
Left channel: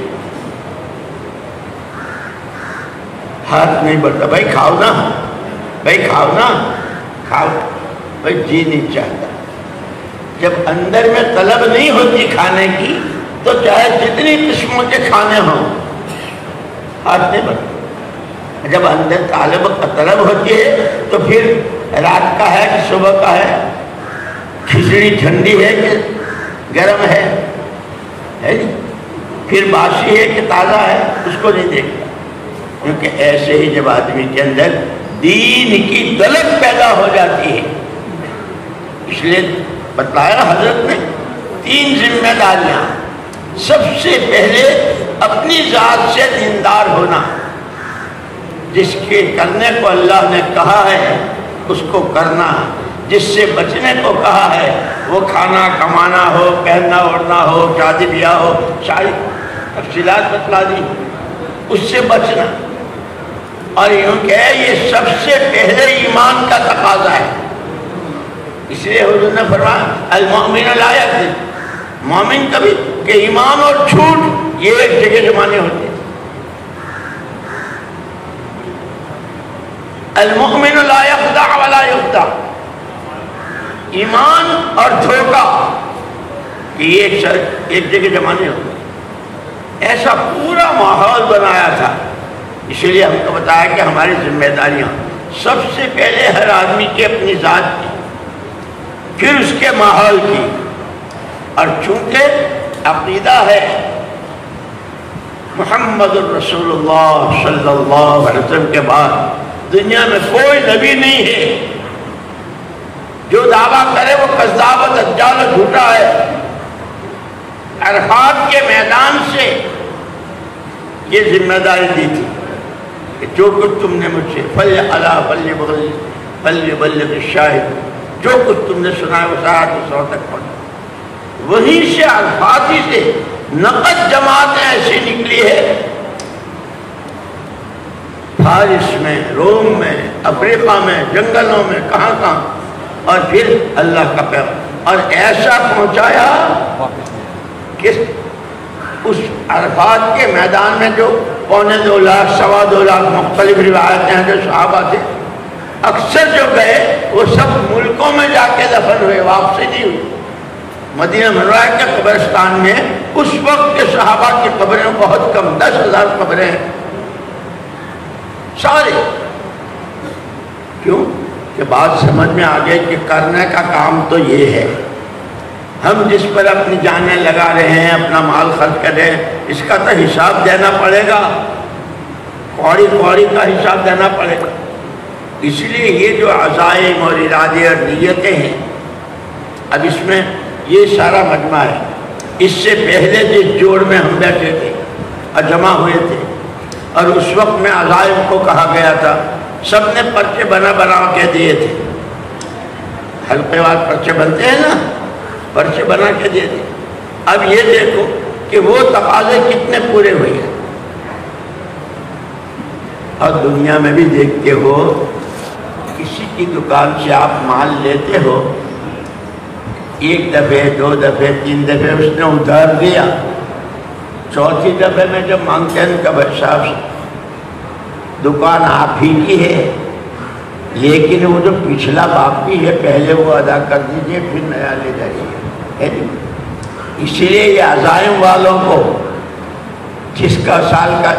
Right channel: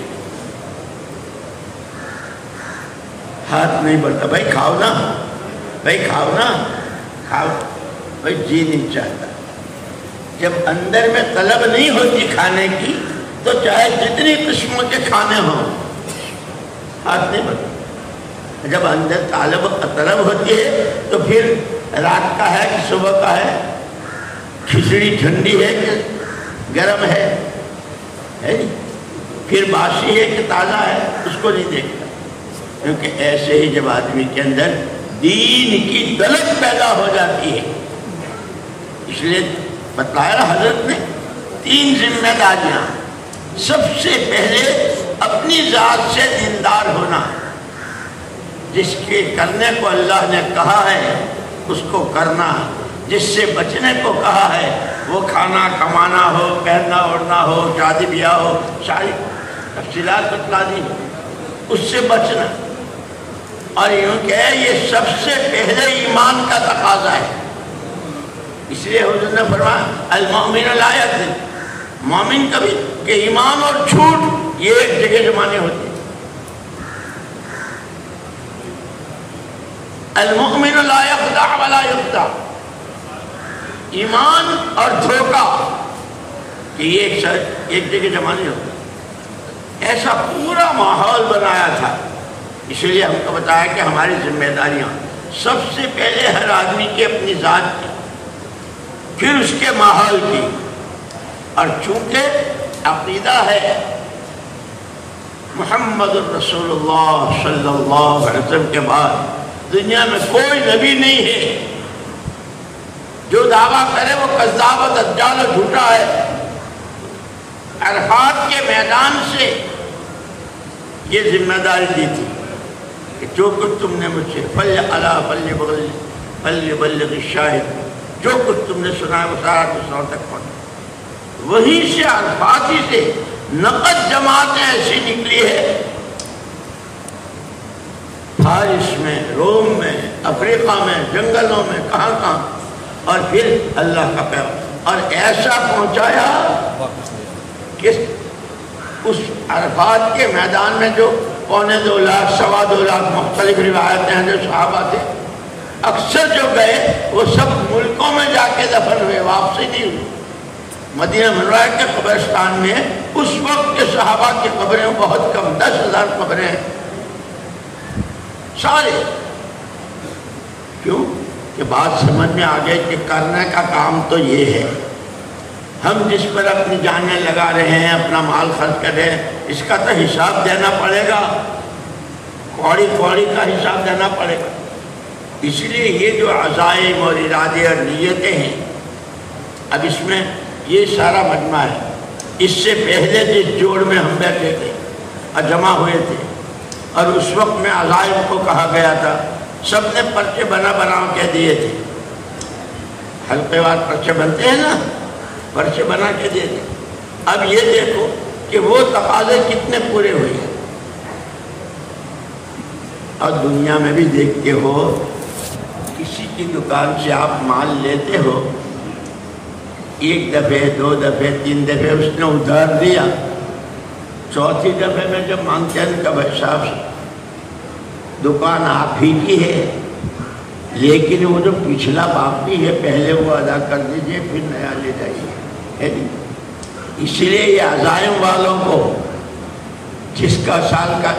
ہاتھ نہیں بڑھتا, بھائی کھاؤ نا, بھائی کھاؤ نا, کھاؤ, بھائی جی نہیں چاہتا. جب اندر میں طلب نہیں ہوتی کھانے کی تو چاہے جتنی قسموں کے کھانے ہوں ہاتھ نہیں بڑھتا. جب اندر طلب ہوتی ہے تو پھر رات کا ہے کہ صبح کا ہے, کھچڑی ٹھنڈی ہے کہ گرم ہے, پھر باسی ہے کہ تازہ ہے, اس کو نہیں دیکھتا. کیونکہ ایسے ہی جب آدمی کے اندر دین کی طلب پیدا ہو جاتی ہے, اس لیے بتلایا حضرت نے 3 ذمہ داریاں. سب سے پہلے اپنی ذات سے دیندار ہونا, جس کے کرنے کو اللہ نے کہا ہے اس کو کرنا, جس سے بچنے کو کہا ہے وہ کھانا کمانا ہو, پہننا اوڑھنا ہو, شادی بیاہ ہو, ساری تفصیلات بتلا دی, اس سے بچنا. اور یوں کہ یہ سب سے پہلے ایمان کا تقاضا ہے. اس لیے حضور نے فرمایا المؤمن لا یکذب, مومن کبھی کہ ایمان اور جھوٹ یہ ایک جگہ جمانے ہوتے ہیں. المؤمن لا يخدع ولا يخدع، ایمان اور دھوکہ یہ ایک جگہ جمع نہیں ہوتا، ایسا پورا ماحول بنایا تھا۔ اسی لیے ہم کو بتایا کہ ہماری ذمہ داریاں سب سے پہلے ہر آدمی کی اپنی ذات کی، پھر اس کے ماحول کی، اور چونکہ عقیدہ ہے محمد الرسول اللہ صلی اللہ علیہ وسلم کے بعد دنیا میں کوئی نبی نہیں ہے، جو دعویٰ کرے وہ کذاب و دجال و جھوٹا ہے۔ عرفات کے میدان سے یہ ذمہ داری دی تھی کہ جو کچھ تم نے مجھ سے فلیبلغ الشاہد، جو کچھ تم نے سنا ہے وہ سارا دوسروں تک پہنچے۔ وہیں سے عرفات ہی سے نقد جماعتیں ایسی نکلی ہے، فارس میں، روم میں، افریقہ میں، جنگلوں میں، کہاں کہاں، اور پھر اللہ کا پیغام، اور ایسا پہنچایا کہ اس عرفات کے میدان میں جو 2.25 لاکھ 2.25 لاکھ مختلف روایتیں ہیں جو صحابہ تھے، اکثر جو گئے وہ سب ملکوں میں جا کے دفن ہوئے، واپسی نہیں ہوئی۔ مدینہ منورہ کے قبرستان میں اس وقت کے صحابہ کی قبریں بہت کم، 10,000 قبریں ہیں سارے۔ کیوں کہ بات سمجھ میں آ گئی کہ کرنے کا کام تو یہ ہے، ہم جس پر اپنی جانیں لگا رہے ہیں، اپنا مال خرچ کر رہے ہیں، اس کا تو حساب دینا پڑے گا، کوڑی کوڑی کا حساب دینا پڑے گا۔ اس لیے یہ جو عزائم اور ارادے اور نیتیں ہیں، اب اس میں یہ سارا مجمع ہے۔ اس سے پہلے جس جوڑ میں ہم بیٹھے تھے اور جمع ہوئے تھے، اور اس وقت میں عزائم کو کہا گیا تھا، سب نے پرچے بنا کے دیے تھے، حلقے وار پرچے بنتے ہیں نا، پرچے بنا کے دیے تھے۔ اب یہ دیکھو کہ وہ تقاضے کتنے پورے ہوئے ہیں، اور دنیا میں بھی دیکھتے ہو، کسی کی دکان سے آپ مال لیتے ہو، ایک دفعے 2 دفعے 3 دفعے اس نے ادھار دیا، چوتھی دفعے میں جب مانگتے ہیں کہ بھائی صاحب دکان آپ ہی کی ہے، لیکن وہ جو پچھلا باقی ہے پہلے وہ ادا کر دیجئے، پھر نیا لے جائیے۔ اسی لیے یہ عزائم والوں کو، جس کا سال کا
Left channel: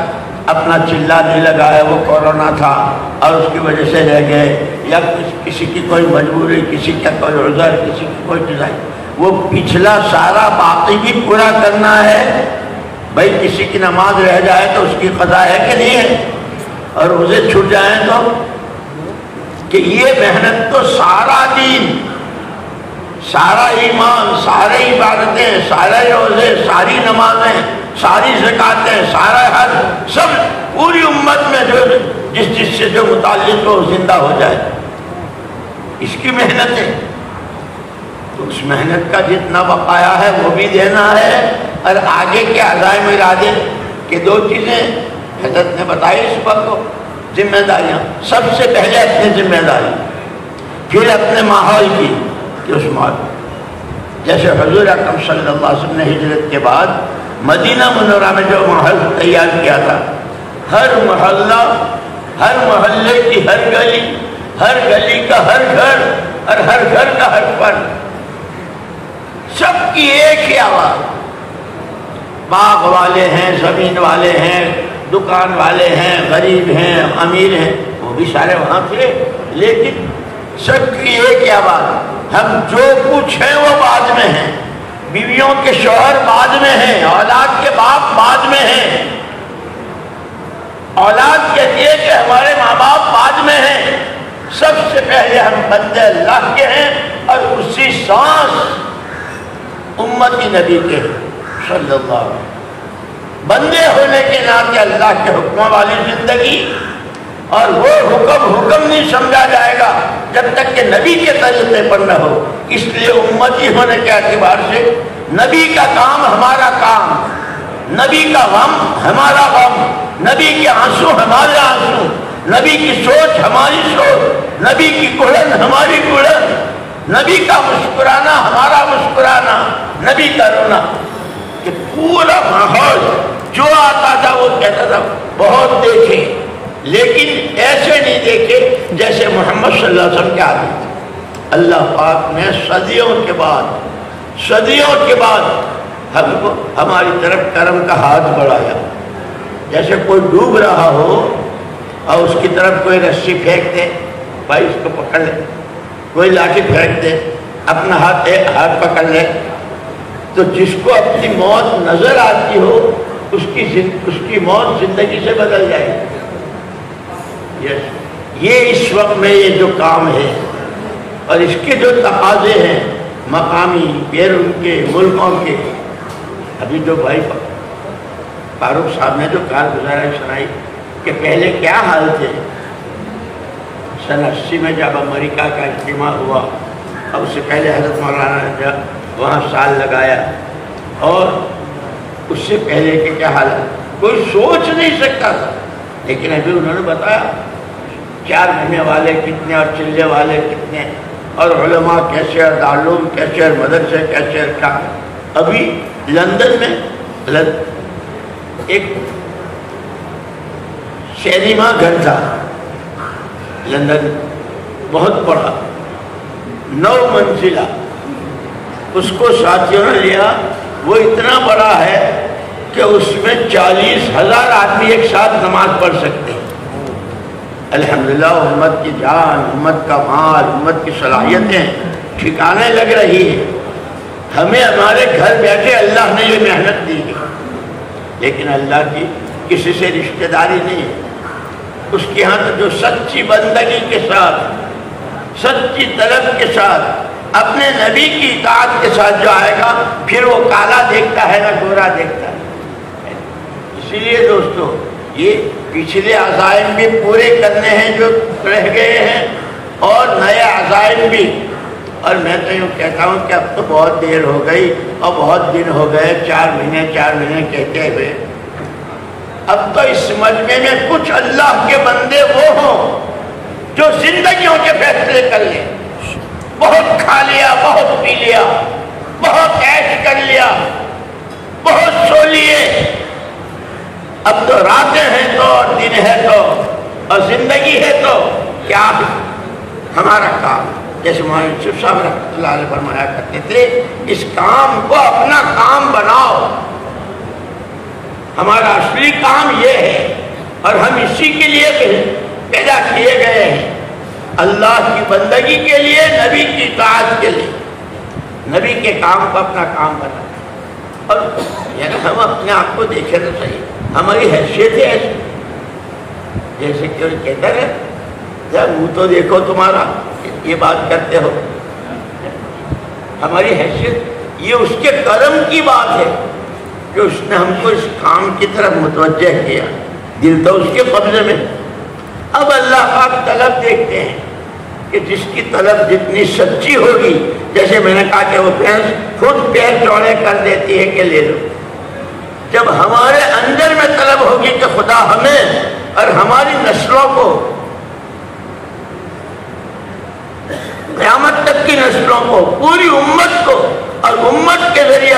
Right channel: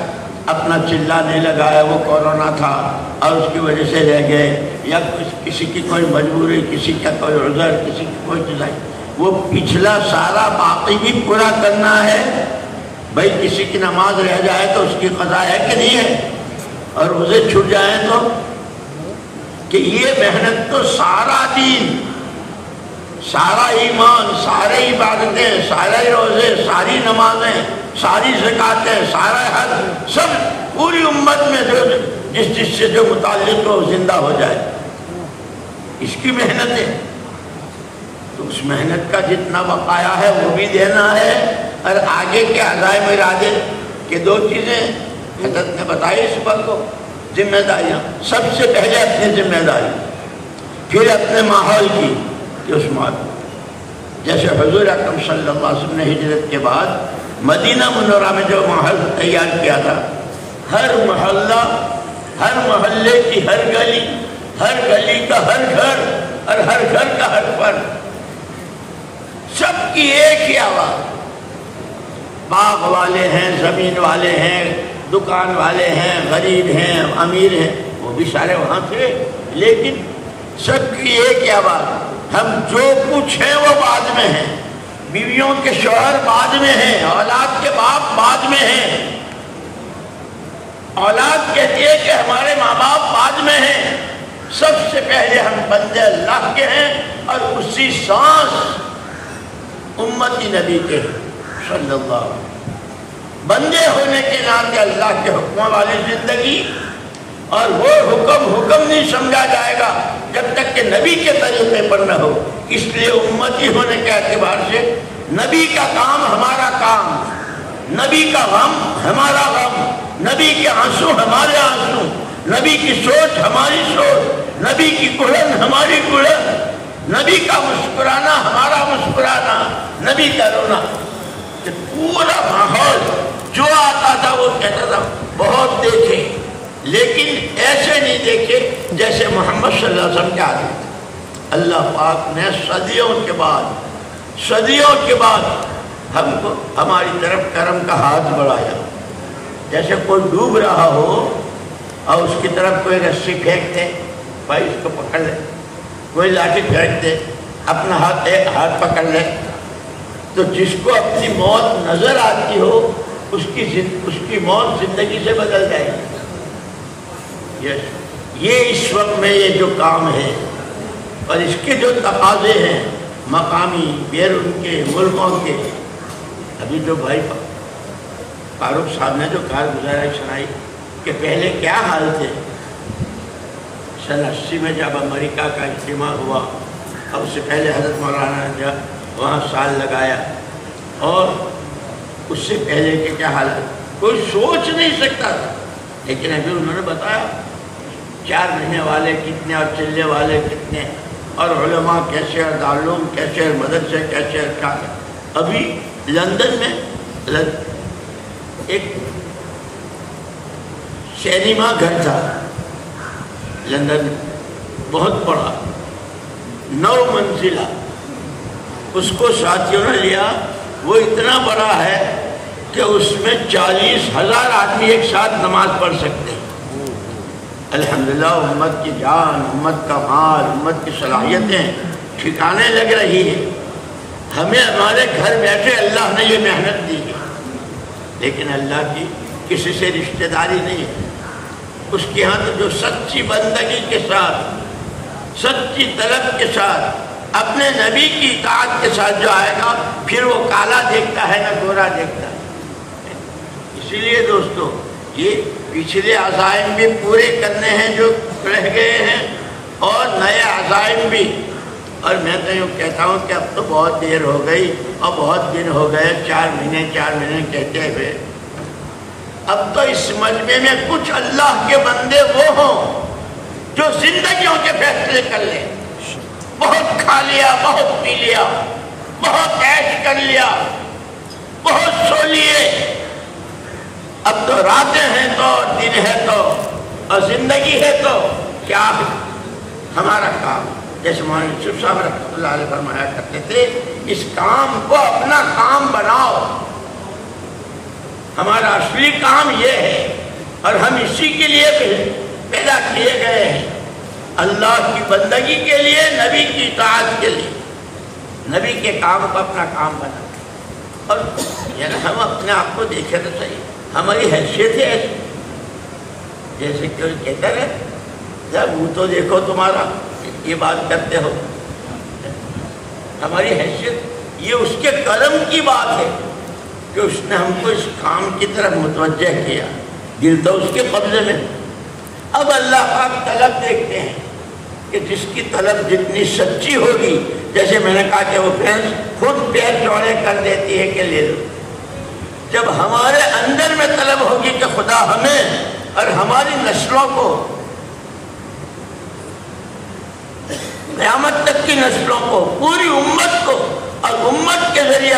اپنا چلہ نہیں لگایا، وہ کورونا تھا اور اس کی وجہ سے رہ گئے، یا کسی کی کوئی مجبوری، کسی کا کوئی عذر، کسی کی کوئی چیز ہے، وہ پچھلا سارا باقی بھی پورا کرنا ہے۔ بھائی کسی کی نماز رہ جائے تو اس کی قضا ہے کہ نہیں ہے، اور روزے چھوٹ جائیں تو، کہ یہ محنت تو سارا دین، سارا ایمان، سارے عبادتیں، سارے روزے، ساری نمازیں، ساری زکاتیں، سارا حج، سب پوری امت میں جو جس سے جو متعلق ہو زندہ ہو جائے، اس کی محنت ہے۔ تو اس محنت کا جتنا بقایا ہے وہ بھی دینا ہے، اور آگے کے عزائم ارادے کہ 2 چیزیں حضرت نے بتائی اس پر کو، ذمہ داریاں، سب سے پہلے اپنی ذمہ داری، پھر اپنے ماحول کی، کہ اس ماحول جیسے حضور اکرم صلی اللہ علیہ وسلم نے ہجرت کے بعد مدینہ منورہ میں جو ماحول تیار کیا تھا، ہر محلہ، ہر محلے کی ہر گلی کا ہر گھر، اور ہر گھر کا ہر فرد، سب کی ایک ہی آواز، باغ والے ہیں، زمین والے ہیں، دکان والے ہیں، غریب ہیں، امیر ہیں، وہ بھی سارے وہاں تھے، لیکن سب کی ایک ہی آواز، ہم جو کچھ ہیں وہ بعد میں ہیں، بیویوں کے شوہر بعد میں ہیں، اولاد کے باپ بعد میں ہیں، اولاد کہتی ہے کہ ہمارے ماں باپ بعد میں ہیں، سب سے پہلے ہم بندے اللہ کے ہیں، اور اسی سانس امتی نبی کے صلی اللہ علیہ وسلم، بندے ہونے کے ناطے اللہ کے حکموں والی زندگی، اور وہ حکم نہیں سمجھا جائے گا جب تک کہ نبی کے طریقے پر نہ ہو۔ اس لیے امتی ہونے کے اعتبار سے نبی کا کام ہمارا کام، نبی کا غم ہمارا غم، نبی کے آنسو ہمارے آنسو، نبی کی سوچ ہماری سوچ، نبی کی کڑن ہماری کڑن، نبی کا مسکرانا ہمارا مسکرانا، نبی کا رونا، کہ پورا ماحول جو آتا تھا وہ کہتا تھا بہت دیکھیں، لیکن ایسے نہیں دیکھے جیسے محمد صلی اللہ علیہ وسلم کے آدمی تھے۔ اللہ پاک نے صدیوں کے بعد ہم کو ہماری طرف کرم کا ہاتھ بڑھایا۔ جیسے کوئی ڈوب رہا ہو اور اس کی طرف کوئی رسی پھینک دے، بھائی اس کو پکڑ لے، کوئی لاٹھی پھینک دے، اپنا ہاتھ پکڑ لے، تو جس کو اپنی موت نظر آتی ہو اس کی موت زندگی سے بدل جائے گی۔ یہ اس وقت میں یہ جو کام ہے اور اس کے جو تقاضے ہیں مقامی بیرون کے ملکوں کے، ابھی جو بھائی فاروق صاحب نے جو کارگزاری سنائی کہ پہلے کیا حال تھے، سن 80 میں جب امریکہ کا اجتماع ہوا، اب اس سے پہلے حضرت مولانا نے جب وہاں سال لگایا، اور اس سے پہلے کہ کیا حال ہے کوئی سوچ نہیں سکتا تھا، لیکن ابھی انہوں نے بتایا 4 مہینے والے کتنے اور چلے والے کتنے، اور علماء کیسے، اور دارالعلوم کیسے، اور مدرسے کیسے، اور کیا۔ ابھی لندن میں ایک سینما گھر تھا لندن، بہت بڑا 9 منزلہ، اس کو ساتھیوں نے لیا، وہ اتنا بڑا ہے کہ اس میں 40,000 آدمی ایک ساتھ نماز پڑھ سکتے ہیں۔ الحمدللہ امت کی جان، امت کا مال، امت کی صلاحیتیں ٹھکانے لگ رہی ہے۔ ہمیں ہمارے گھر بیٹھے اللہ نے یہ محنت دی ہے، لیکن اللہ کی کسی سے رشتہ داری نہیں ہے۔ اس کے ہاں جو سچی بندگی کے ساتھ، سچی طلب کے ساتھ، اپنے نبی کی اطاعت کے ساتھ جو آئے گا، پھر وہ کالا دیکھتا ہے نہ گورا دیکھتا ہے۔ اسی لیے دوستو یہ پچھلے عزائم بھی پورے کرنے ہیں جو رہ گئے ہیں، اور نئے عزائم بھی۔ اور میں تو یوں کہتا ہوں کہ اب تو بہت دیر ہو گئی اور بہت دن ہو گئے، 4 مہینے کہتے ہوئے۔ اب تو اس مجمع میں کچھ اللہ کے بندے وہ ہوں جو زندگیوں کے فیصلے کر لیں۔ بہت کھا لیا، بہت پی لیا، بہت عیش کر لیا، بہت سو لیے، اب تو راتیں ہیں تو، اور دن ہے تو، اور زندگی ہے تو، کیا ہمارا کام، جیسے مولانا یوسف صاحب رحمۃ اللہ علیہ فرمایا کرتے تھے، اس کام کو اپنا کام بناؤ۔ ہمارا اصلی کام یہ ہے، اور ہم اسی کے لیے پیدا کیے گئے ہیں، اللہ کی بندگی کے لیے، نبی کی اطاعت کے لیے، نبی کے کام کو اپنا کام بنا۔ اور یعنی ہم اپنے آپ کو دیکھیں تو صحیح، ہماری حیثیت ہے ایسی، جیسے کہ کہتا ہے جب منہ تو دیکھو تمہارا، یہ بات کرتے ہو، ہماری حیثیت یہ اس کے کرم کی بات ہے کہ اس نے ہم کو اس کام کی طرف متوجہ کیا، دل تو اس کے قبضے میں۔ اب اللہ پاک طلب دیکھتے ہیں کہ جس کی طلب جتنی سچی ہوگی، جیسے میں نے کہا کہ وہ خود پیر چوڑے کر دیتی ہے کہ لے لو، جب ہمارے اندر میں طلب ہوگی کہ خدا ہمیں اور ہماری نسلوں کو، قیامت تک کی نسلوں کو، پوری امت کو، اور امت کے ذریعے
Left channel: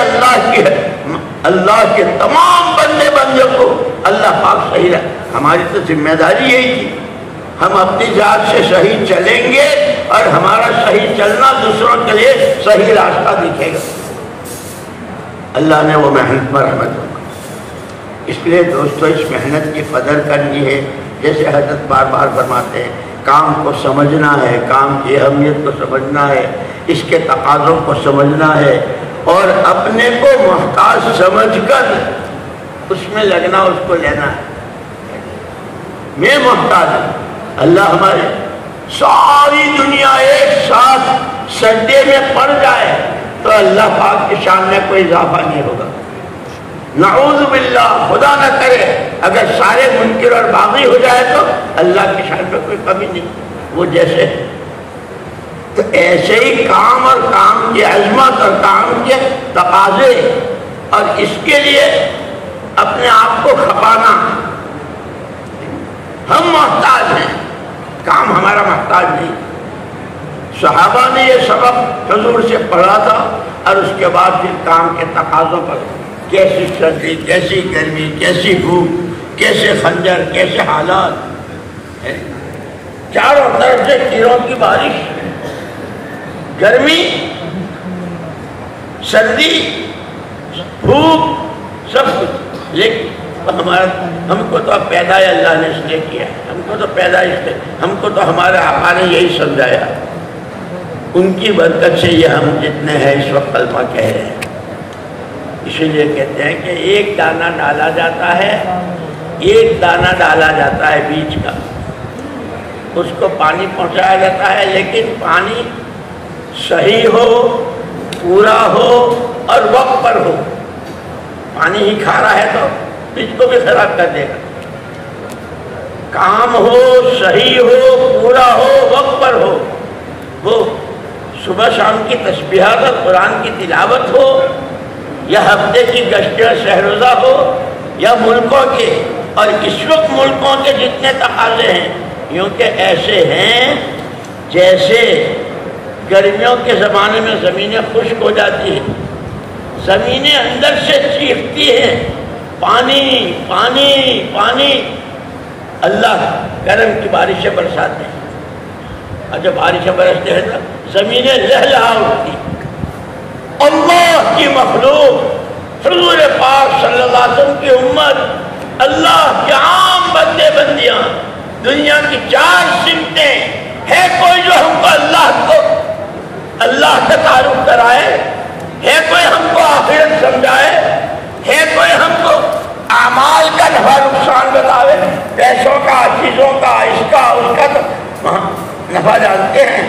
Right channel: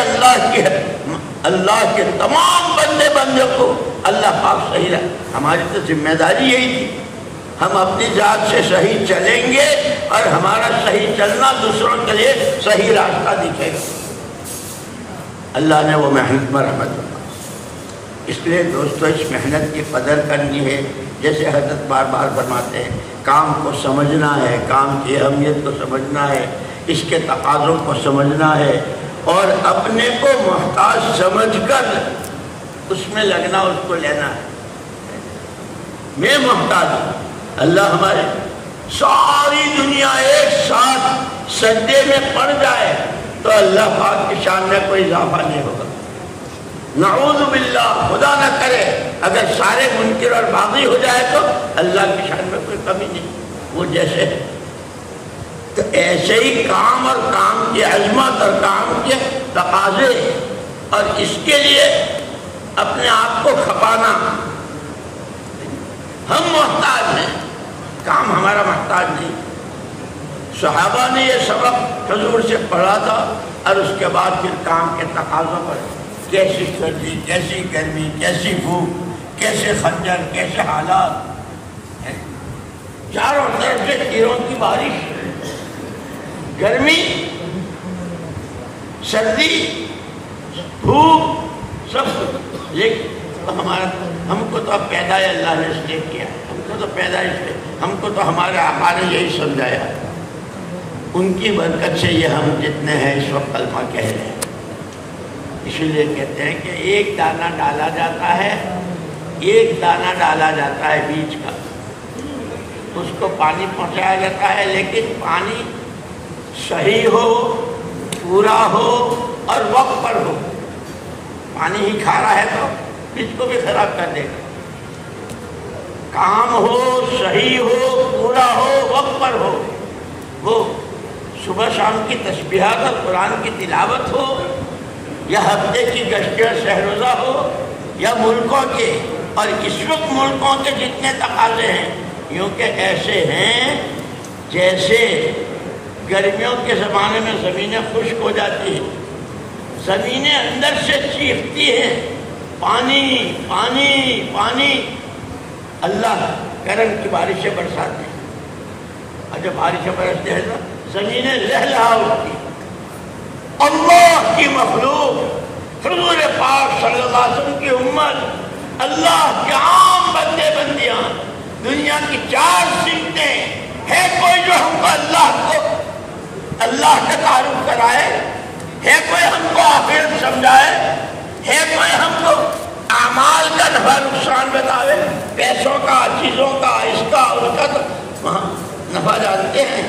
اللہ کے تمام بندے کو اللہ پاک صحیح رہے۔ ہماری تو ذمہ داری یہی تھی، ہم اپنی ذات سے صحیح چلیں گے اور ہمارا صحیح چلنا دوسروں کے لیے صحیح راستہ دکھے گا۔ اللہ نے وہ محنت پر رحمت ہوگا۔ اس لیے دوستو اس محنت کی قدر کرنی ہے، جیسے حضرت بار بار فرماتے ہیں، کام کو سمجھنا ہے، کام کی اہمیت کو سمجھنا ہے، اس کے تقاضوں کو سمجھنا ہے، اور اپنے کو محتاج سمجھ کر اس میں لگنا، اس کو لینا ہے۔ میں محتاج ہوں، اللہ ہمارے ساری دنیا ایک ساتھ سجدے میں پڑ جائے تو اللہ پاک کی شان میں کوئی اضافہ نہیں ہوگا۔ نعوذ باللہ، خدا نہ کرے اگر سارے منکر اور باغی ہو جائے تو اللہ کی شان میں کوئی کمی نہیں، وہ جیسے ہے۔ تو ایسے ہی کام اور کام کی عظمت اور کام کے تقاضے، اور اس کے لیے اپنے آپ کو کھپانا، ہم محتاج ہیں، کام ہمارا محتاج نہیں۔ صحابہ نے یہ سبق حضور سے پڑھا تھا، اور اس کے بعد پھر کام کے تقاضوں پر، کیسی سردی، کیسی گرمی، کیسی بھوک، کیسے خنجر، کیسے حالات، چاروں طرف سے کیڑوں کی بارش، گرمی، سردی، دھوپ، سب کچھ. لیکن ہم کو تو پیدا ہی اللہ نے اس لیے کیا، ہم کو تو پیدا اس لیے، ہم کو تو ہمارے آقا نے یہی سمجھایا. ان کی برکت سے یہ ہم جتنے ہیں اس وقت کلمہ کہہ رہے ہیں. اسی لیے کہتے ہیں کہ ایک دانہ ڈالا جاتا ہے، ایک دانہ ڈالا جاتا ہے بیج کا، اس کو پانی پہنچایا جاتا ہے، لیکن پانی صحیح ہو، پورا ہو اور وقت پر ہو. پانی ہی کھا رہا ہے تو بیج کو بھی خراب کر دے گا. کام ہو، صحیح ہو، پورا ہو، وقت پر ہو. وہ صبح شام کی تسبیحات اور قرآن کی تلاوت ہو، یا ہفتے کی گشت شہروزہ ہو، یا ملکوں کے، اور اس وقت ملکوں کے جتنے تقاضے ہیں، یوں کہ ایسے ہیں جیسے گرمیوں کے زمانے میں زمینیں خشک ہو جاتی ہیں، زمینیں اندر سے چیختی ہیں پانی پانی پانی. اللہ کرم کی بارشیں برساتے ہیں، اور جب بارشیں برستے ہیں تو زمینیں لہلہا اٹھتی. اللہ کی مخلوق، حضور پاک صلی اللہ علیہ وسلم کی امت، اللہ کے عام بندے بندیاں، دنیا کی 4 سمتیں. ہے کوئی جو ہم کو اللہ کا تعارف کرائے؟ ہے کوئی ہم کو آخرت سمجھائے؟ ہے کوئی ہم کو اعمال کا نفع نقصان بتاوے؟ پیسوں کا، چیزوں کا، اس کا اس کا تو نفع جانتے ہیں.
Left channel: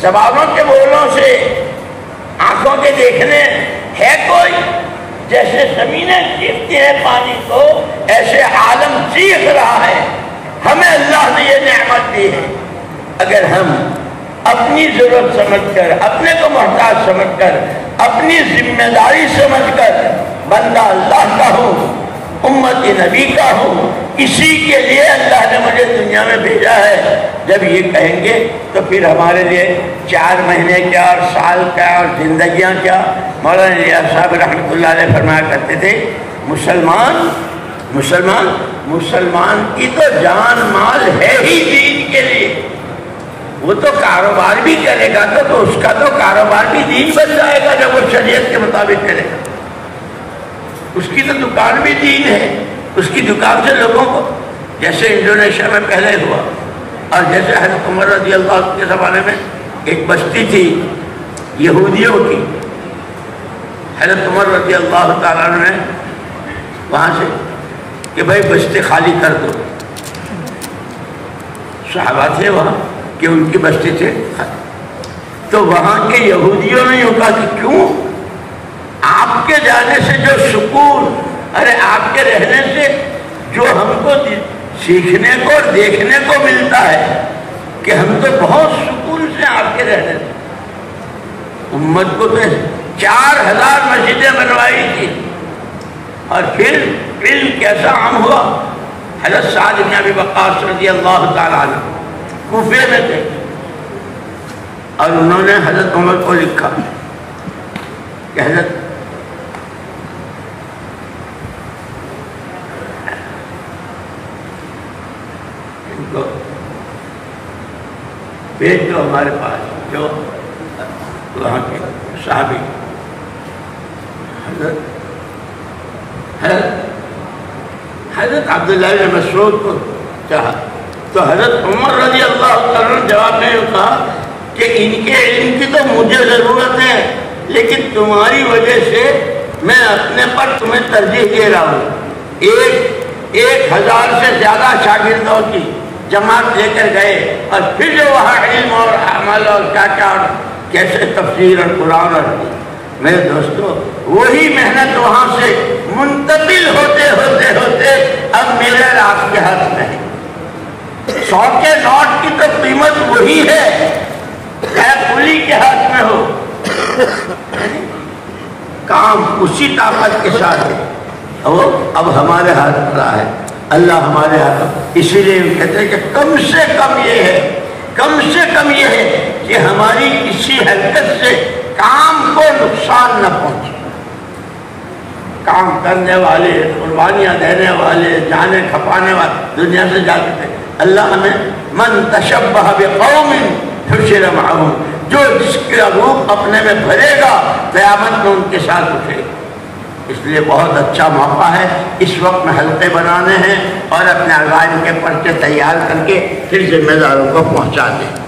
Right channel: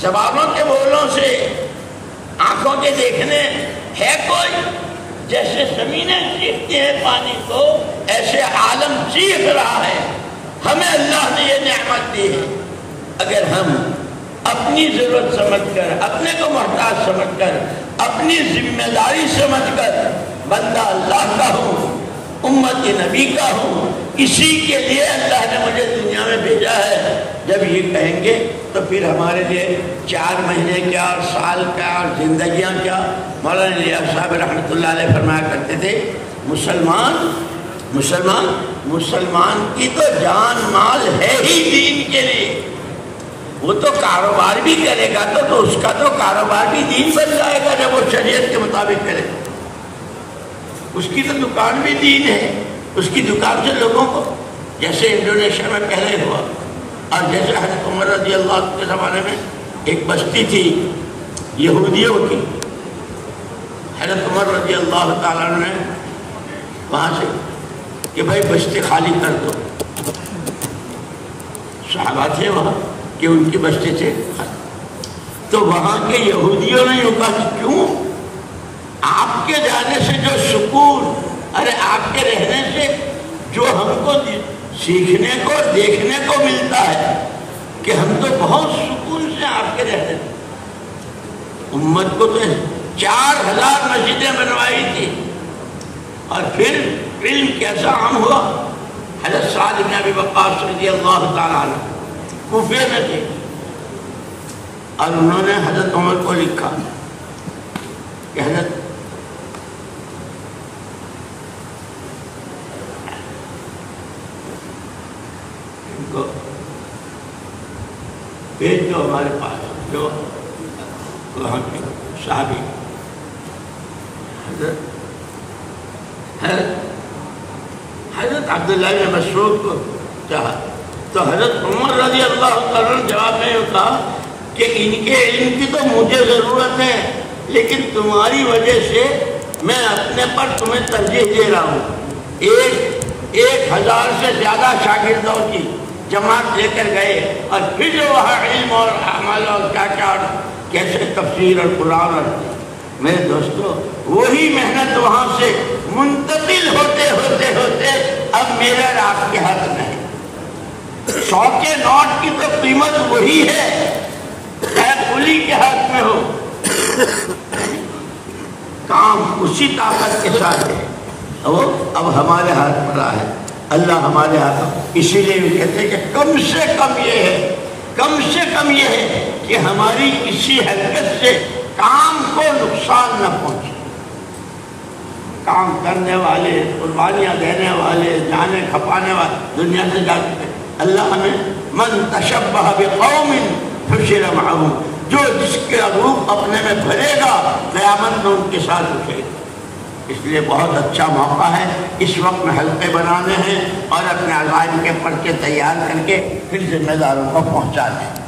زبانوں کے بولوں سے، آنکھوں کے دیکھنے ہے کوئی؟ جیسے زمینیں چیختی ہیں پانی کو، ایسے عالم چیخ رہا ہے. ہمیں اللہ نے یہ نعمت دی ہے. اگر ہم اپنی ضرورت سمجھ کر، اپنے کو محتاج سمجھ کر، اپنی ذمہ داری سمجھ کر بندہ اللہ کا ہوں، امت نبی کا ہوں، اسی کے لیے اللہ نے مجھے دنیا میں بھیجا ہے، جب یہ کہیں گے تو پھر ہمارے لیے 4 مہینے کیا اور سال کیا اور زندگیاں کیا. مولانا الیاس صاحب رحمۃ اللہ علیہ فرمایا کرتے تھے، مسلمان کی تو جان مال ہے ہی دین کے لیے. وہ تو کاروبار بھی کرے گا تو اس کا تو کاروبار بھی دین بن جائے گا جب وہ شریعت کے مطابق کرے گا. اس کی تو دکان بھی دین ہے. اس کی دکان سے لوگوں کو، جیسے انڈونیشیا میں پہلے ہوا، اور جیسے حضرت عمر رضی اللہ عنہ کے زمانے میں ایک بستی تھی یہودیوں کی، حضرت عمر رضی اللہ تعالیٰ عنہ نے وہاں سے کہ بھائی بستی خالی کر دو. صحابہ تھے وہاں کہ ان کی بستی تھے خالی. تو وہاں کے یہودیوں نے یوں کہا کہ کیوں؟ آپ کے جانے سے جو سکون، ارے آپ کے رہنے سے جو ہم کو سیکھنے کو اور دیکھنے کو ملتا ہے کہ ہم تو بہت سکون سے آپ کے رہنے سے. امت کو تو 4000 مسجدیں بنوائی تھی، اور پھر علم کیسا عام ہوا. حضرت سعد بن ابی وقاص رضی اللہ تعالیٰ عنہ کوفے میں تھے، اور انہوں نے حضرت عمر کو لکھا کہ حضرت بھیج دو ہمارے پاس، جو وہاں کے صحابی حضرت عبداللہ بن مسعود کو چاہا. تو حضرت عمر رضی اللہ عنہ نے جواب میں کہا کہ ان کے علم کی تو مجھے ضرورت ہے، لیکن تمہاری وجہ سے میں اپنے پر تمہیں ترجیح دے رہا ہوں. 1000 سے زیادہ شاگردوں کی جماعت لے کر گئے، اور پھر جو وہاں علم اور عمل اور کیا اور کیسے تفسیر اور قرآن. اور میرے دوستو، وہی محنت وہاں سے منتقل ہوتے ہوتے ہوتے اب میرے اور آپ کے ہاتھ میں ہے. 100 کے نوٹ کی تو قیمت وہی ہے چاہے پولی کے ہاتھ میں ہو. کام اسی طاقت کے ساتھ ہے. وہ اب ہمارے ہاتھ پڑا ہے، اللہ ہمارے ہاتھ. اسی لیے کہتے ہیں کہ کم سے کم یہ ہے کہ ہماری کسی حرکت سے کام کو نقصان نہ پہنچے. کام کرنے والے، قربانیاں دینے والے، جانیں کھپانے والے دنیا سے جا چکے۔ اللہ ہمیں من تشبہ بقوم حشر معہم، جو جس کے روپ اپنے میں بھرے گا قیامت میں ان کے ساتھ اٹھے گا۔ اس لیے بہت اچھا موقع ہے، اس وقت میں حلقے بنانے ہیں اور اپنے عزائم کے پرچے تیار کر کے پھر ذمہ داروں کو پہنچا دیں۔